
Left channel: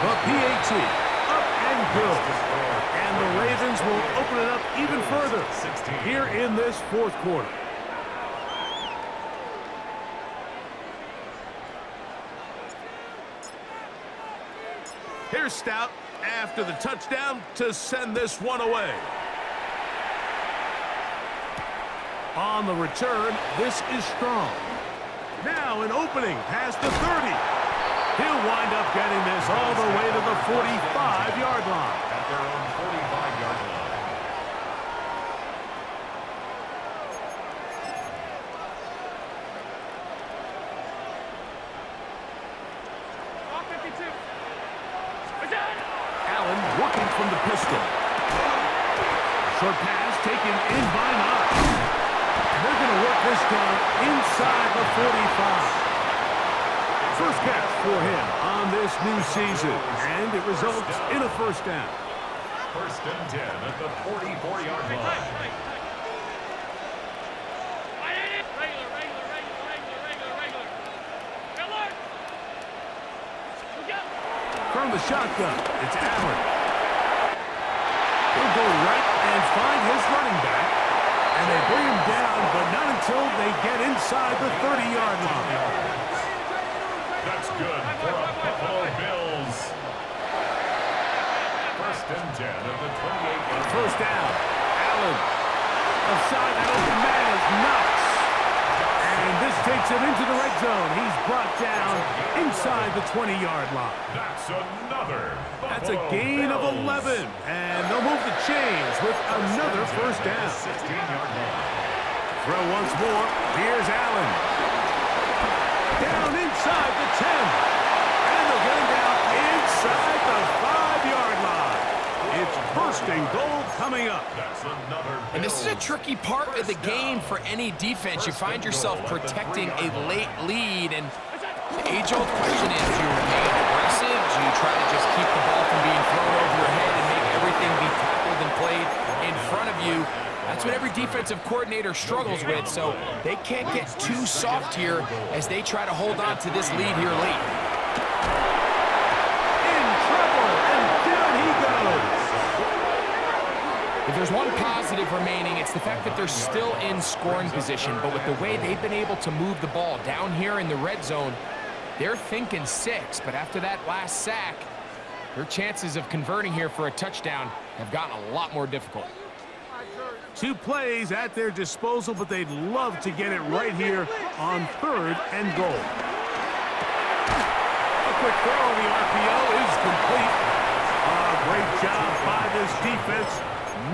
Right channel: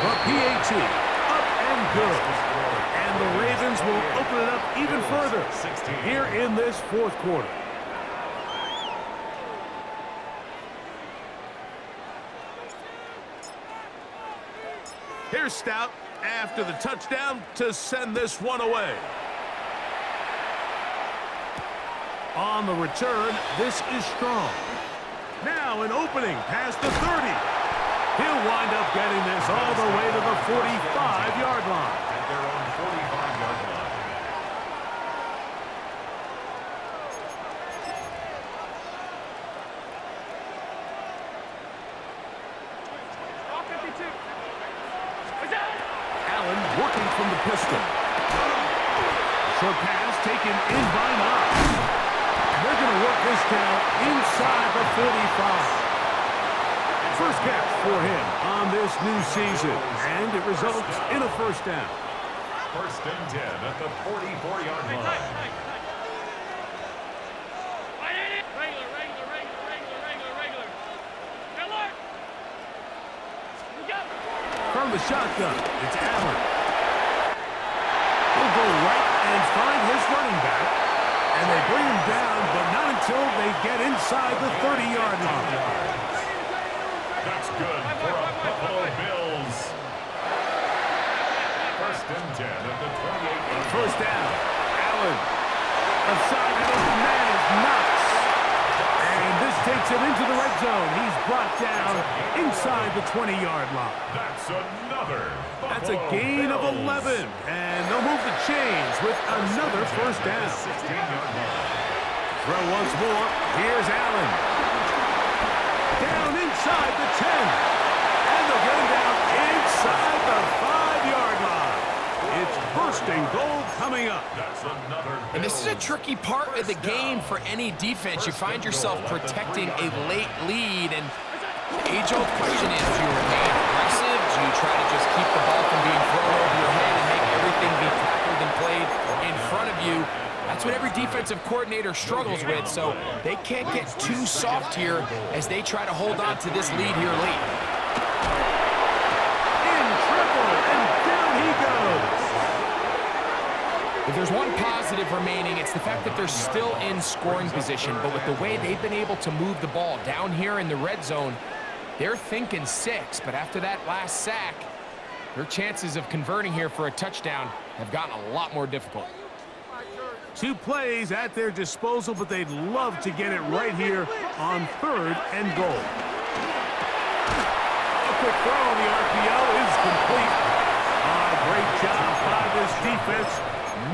The PAT, up and good. And the Ravens will open it up even further here in this fourth quarter. Here's Stout after the touchdown to send this one away. On the return, this is Strong. Now an opening past the 30. He'll wind up getting this all the way to the 45-yard line. At their own 45-yard line. Allen working from the pistol. Short pass taken in by Knox. And they're going to work this down inside the 45. First catch for him on this new season, and it results in a first down. First and 10 at the 44-yard line. From the shotgun, it's Allen. He'll go right and find his running back, and they bring him down, but not until they get inside the 30-yard line. That's good for a Buffalo Bills. First and 10 at the 28-yard line. First down, Allen. Aside that open man is Knox. And this takes him into the red zone. He's brought down inside the 20-yard line. That's another Buffalo That's a gain of Bills. 11. And they'll move the chains with another first down. 16-yard line. Throw once more. Here's Allen. Down inside the 10. And they'll get him down inside the 5-yard line. It's first and goal coming up. That's another Bills. And this is a tricky part of the game for any defense. You find yourself protecting a late lead, and the age-old question is, do you remain aggressive? Do you try to just keep the ball from being thrown over your head and make everything be tackled and played in front of you? That's what every defensive coordinator struggles with, so they can't get too soft here as they try to hold on to this lead here late. In trouble, and down he goes. If there's one positive remaining, it's the fact that they're still in scoring position, but with the way they've been able to move the ball down here in the red zone, they're thinking 6, but after that last sack, their chances of converting here for a touchdown have gotten a lot more difficult. 2 plays at their disposal, but they'd love to get it right here on 3rd and goal. A quick throw on the RPO is complete. Great job by this defense.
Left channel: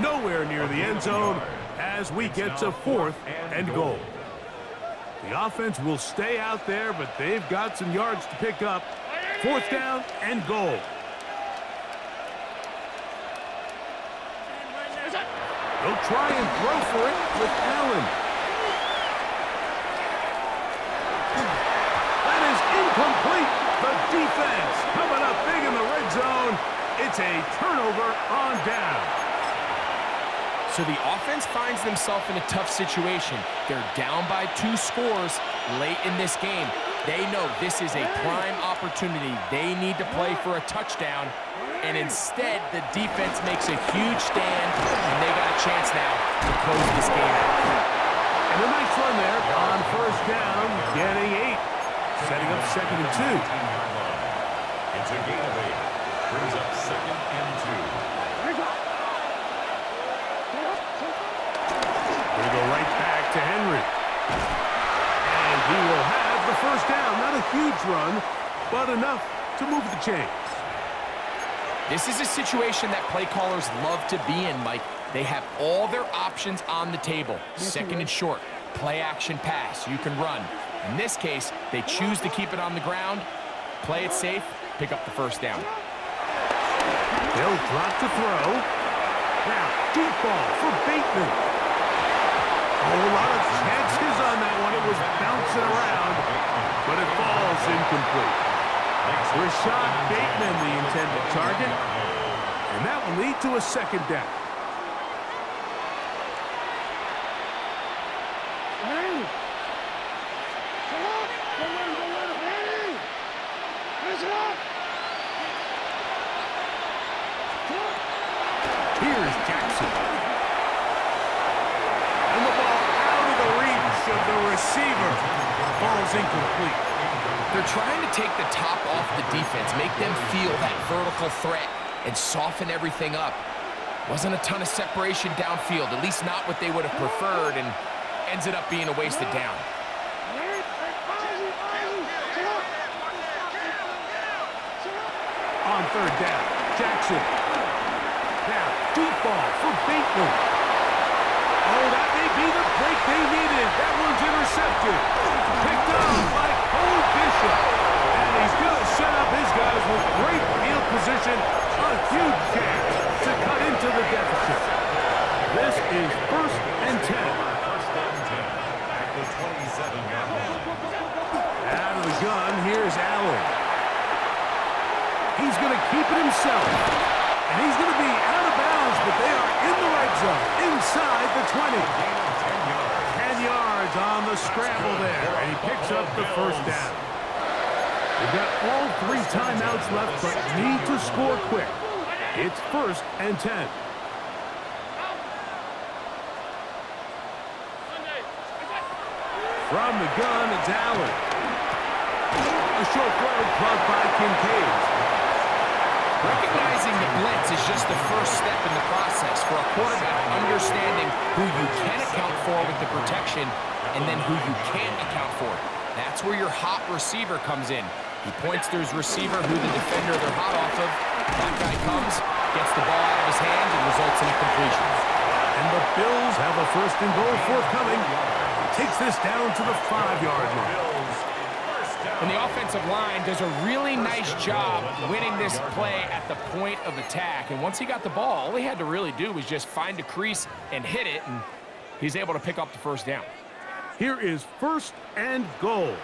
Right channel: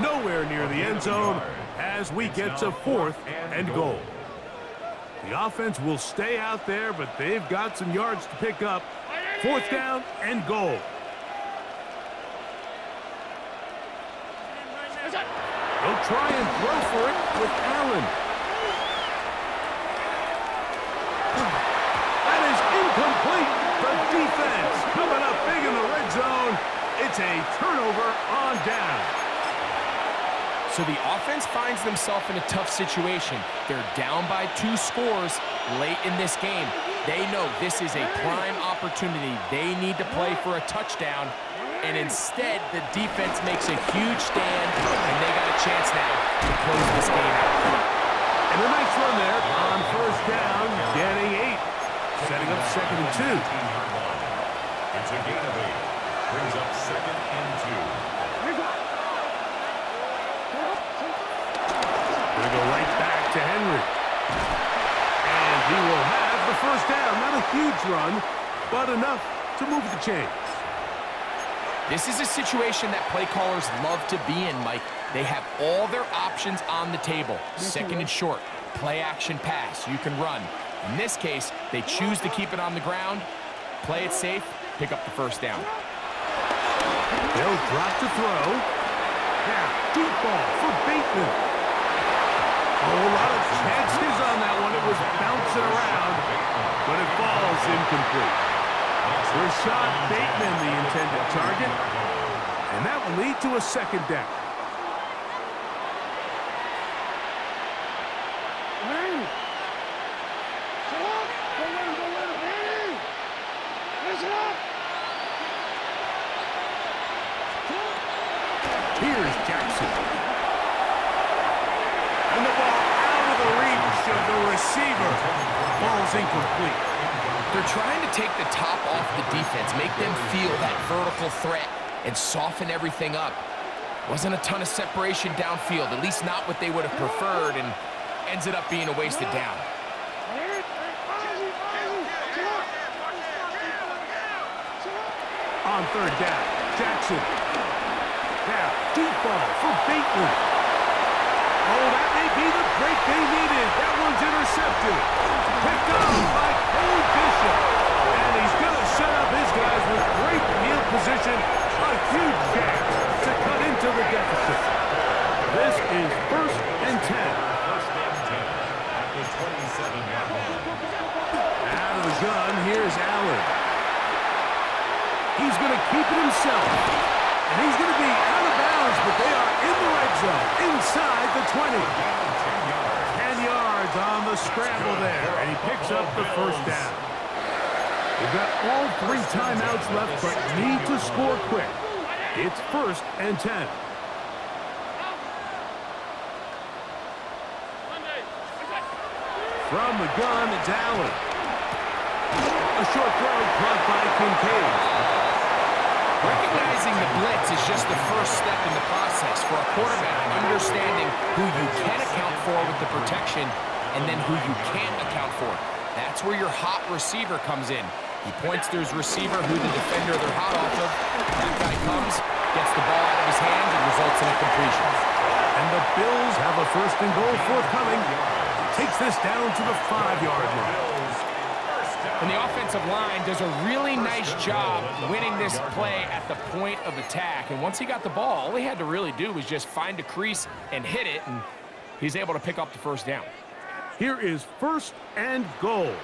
Nowhere near the end zone as we get to 4th and goal. The offense will stay out there, but they've got some yards to pick up. 4th down and goal. He'll try and throw for it with Allen. That is incomplete. The defense coming up big in the red zone. It's a turnover on down. So the offense finds themselves in a tough situation. They're down by 2 scores late in this game. They know this is a prime opportunity. They need to play for a touchdown. And instead, the defense makes a huge stand, and they got a chance now to close this game out. And a nice run there on first down, getting 8. Setting up 2nd and 2. It's a gain of 8. Brings up 2nd and 2. Going to go right back to Henry. And he will have the first down. Not a huge run, but enough to move the chains. This is a situation that play callers love to be in, Mike. They have all their options on the table. 2nd and short, play action pass, you can run. In this case, they choose to keep it on the ground, play it safe, pick up the first down. They'll drop to throw. Now, deep ball for Bateman. Oh, a lot of chances on that one. It was bouncing around, but it falls incomplete. Rashad Bateman, the intended target, and that will lead to a second down. Here's Jackson. And the ball out of the reach of the receiver. Ball's incomplete. They're trying to take the top off the defense, make them feel that vertical threat, and soften everything up. Wasn't a ton of separation downfield, at least not what they would have preferred, and ends it up being a wasted down. On third down, Jackson. Now, deep ball for Bateman. Oh, that may be the break they needed. That one's intercepted. Picked off by Cole Bishop. And he's going to set up his guys with great field position. A huge chance to cut into the deficit. This is 1st and 10. First and 10 at the 27-yard line. Out of the gun, here's Allen. He's going to keep it himself. And he's going to be out of bounds, but they are in the red zone, inside the 20. 10 yards on the scramble there, and he picks up the first down. They've got all 3 timeouts left, but need to score quick. It's 1st and 10. From the gun, it's Allen. A short throw caught by Kincaid. Recognizing the blitz is just the first step in the process for a quarterback, understanding who you can account for with the protection and then who you can't account for. That's where your hot receiver comes in. He points to his receiver, who the defender they're hot off of. That guy comes, gets the ball out of his hands, and results in a completion. And the Bills have a 1st and goal forthcoming. Takes this down to the 5-yard line. And the offensive line does a really nice job winning this play at the point of attack. And once he got the ball, all he had to really do was just find a crease and hit it, and he's able to pick up the first down. Here is 1st and goal.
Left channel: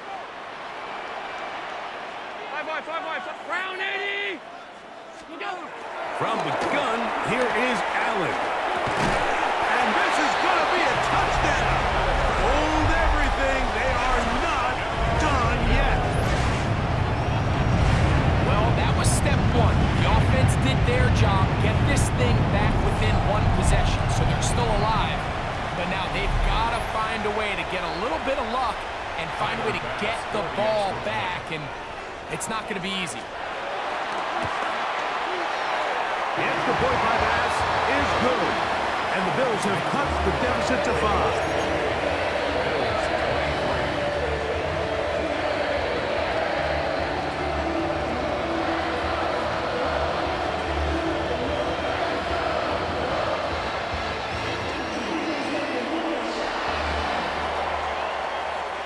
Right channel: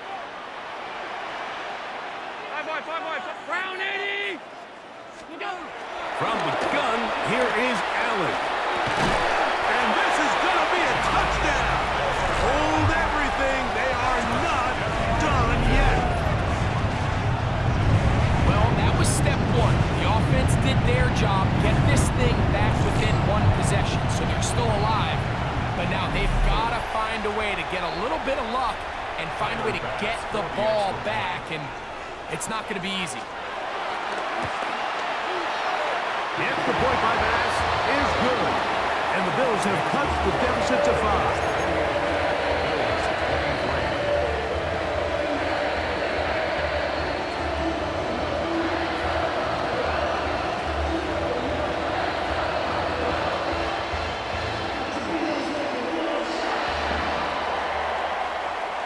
5 wide. Brown 80. From the gun, here is Allen. And this is going to be a touchdown. Hold everything. They are not done yet. Well, that was step 1. The offense did their job, get this thing back within 1 possession, so they're still alive. But now they've got to find a way to get a little bit of luck and find a way to get the ball back, and it's not going to be easy. The extra point by Bass is good. And the Bills have cut the deficit to 5.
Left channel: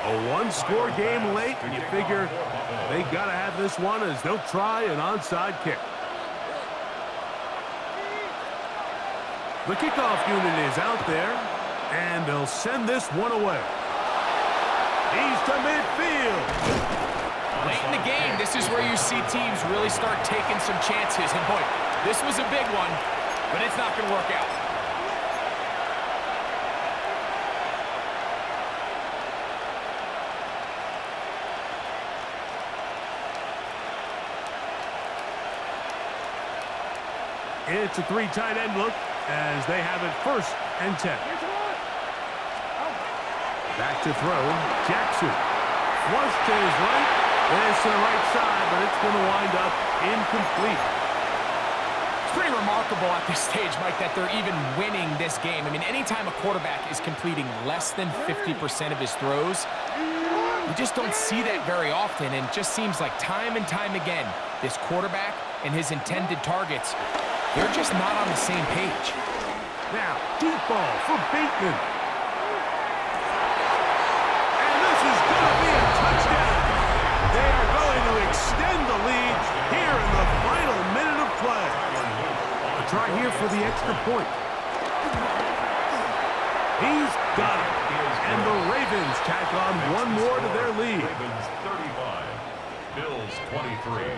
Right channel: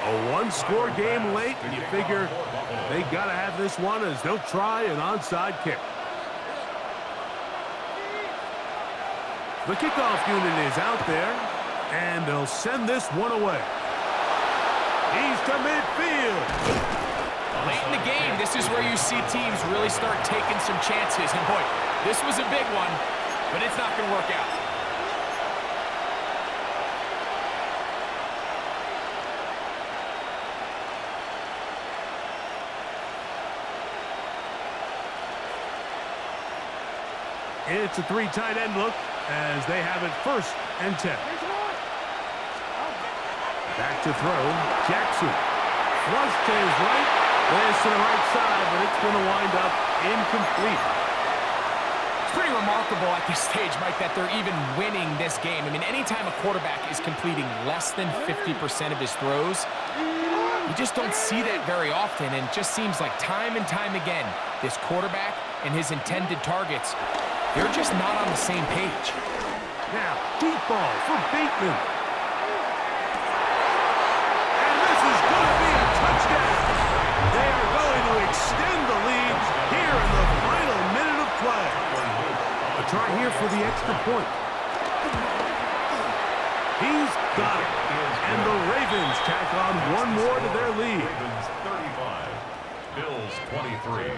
A 1-score game late, and you figure they got to have this one as they'll try an onside kick. The kickoff unit is out there, and they'll send this one away. He's to midfield. Late in the game, this is where you see teams really start taking some chances. And boy, this was a big one, but it's not going to work out. It's a 3 tight end look as they have it 1st and 10. Back to throw. Jackson. Flush to his right. This to the right side, but it's going to wind up incomplete. It's pretty remarkable at this stage, Mike, that they're even winning this game. I mean, anytime a quarterback is completing less than 50% of his throws, you just don't see that very often, and it just seems like time and time again, this quarterback and his intended targets, they're just not on the same page. Now, deep ball for Bateman. And this is going to be a touchdown. They are going to extend the lead here in the final minute of play. A try here for the extra point. He's got it. And the Ravens tack on one more to their lead. Ravens 35, Bills 23.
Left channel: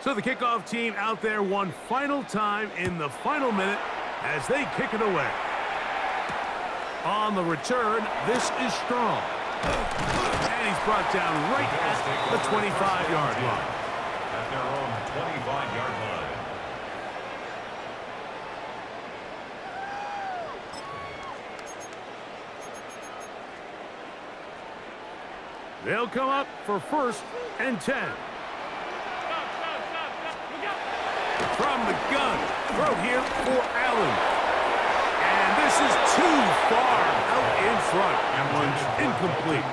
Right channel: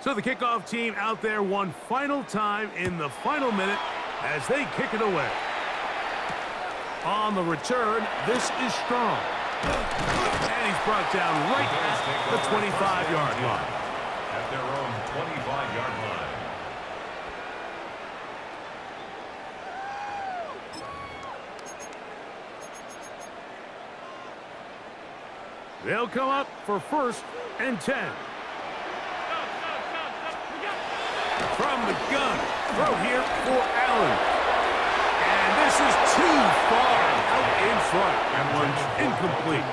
So the kickoff team out there one final time in the final minute as they kick it away. On the return, this is strong. And he's brought down right at the 25-yard line. At their own 25-yard line. They'll come up for 1st and 10. From the gun, throw here for Allen. And this is too far out in front. That one's incomplete.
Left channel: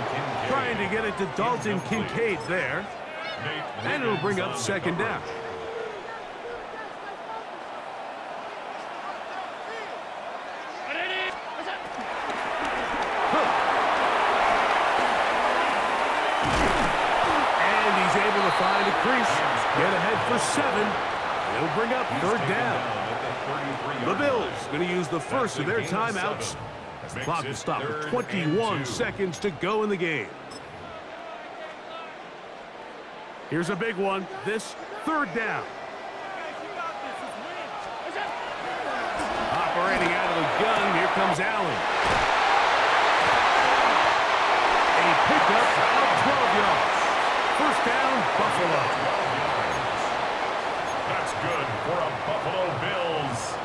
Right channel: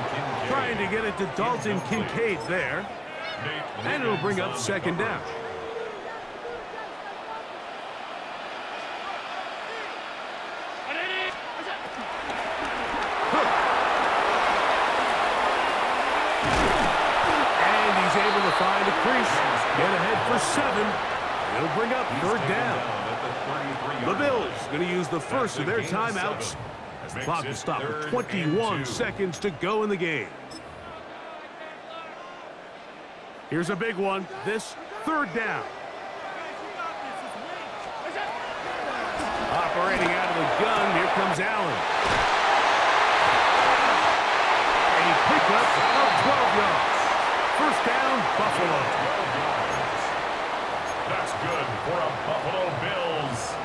Trying to get it to Dalton Kincaid there. And it'll bring up 2nd down. And he's able to find a crease. Get ahead for 7. He'll bring up 3rd down. The Bills going to use the first of their timeouts as the clock will stop with 21 seconds to go in the game. Here's a big one. This 3rd down. Operating out of the gun, here comes Allen. A pickup of 12 yards. 1st down, Buffalo. That's good for a Buffalo Bills.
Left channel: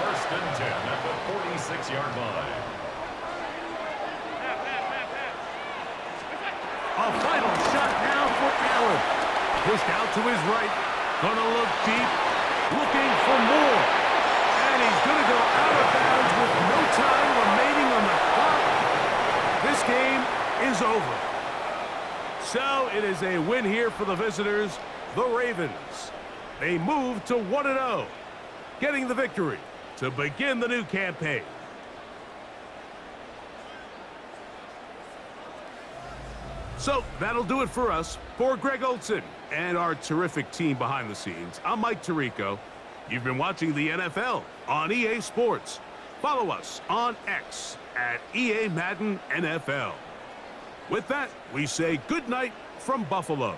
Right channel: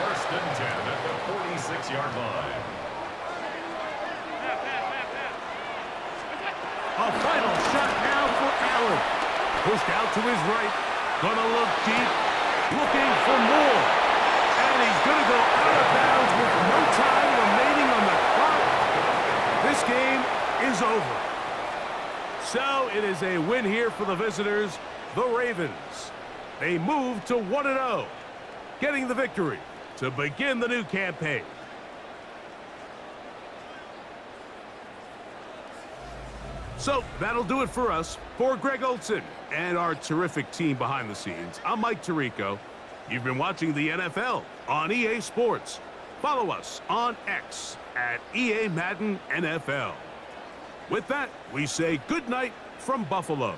1st and 10 at the 46-yard line. A final shot now for Allen. Pushed out to his right. Gonna look deep. Looking for more. And he's gonna go out of bounds with no time remaining on the clock. This game is over. So it is a win here for the visitors, the Ravens. They move to 1-0, getting the victory to begin the new campaign. So that'll do it for us. For Greg Olson and our terrific team behind the scenes, I'm Mike Tirico. You've been watching the NFL on EA Sports. Follow us on X at EA Madden NFL. With that, we say good night from Buffalo.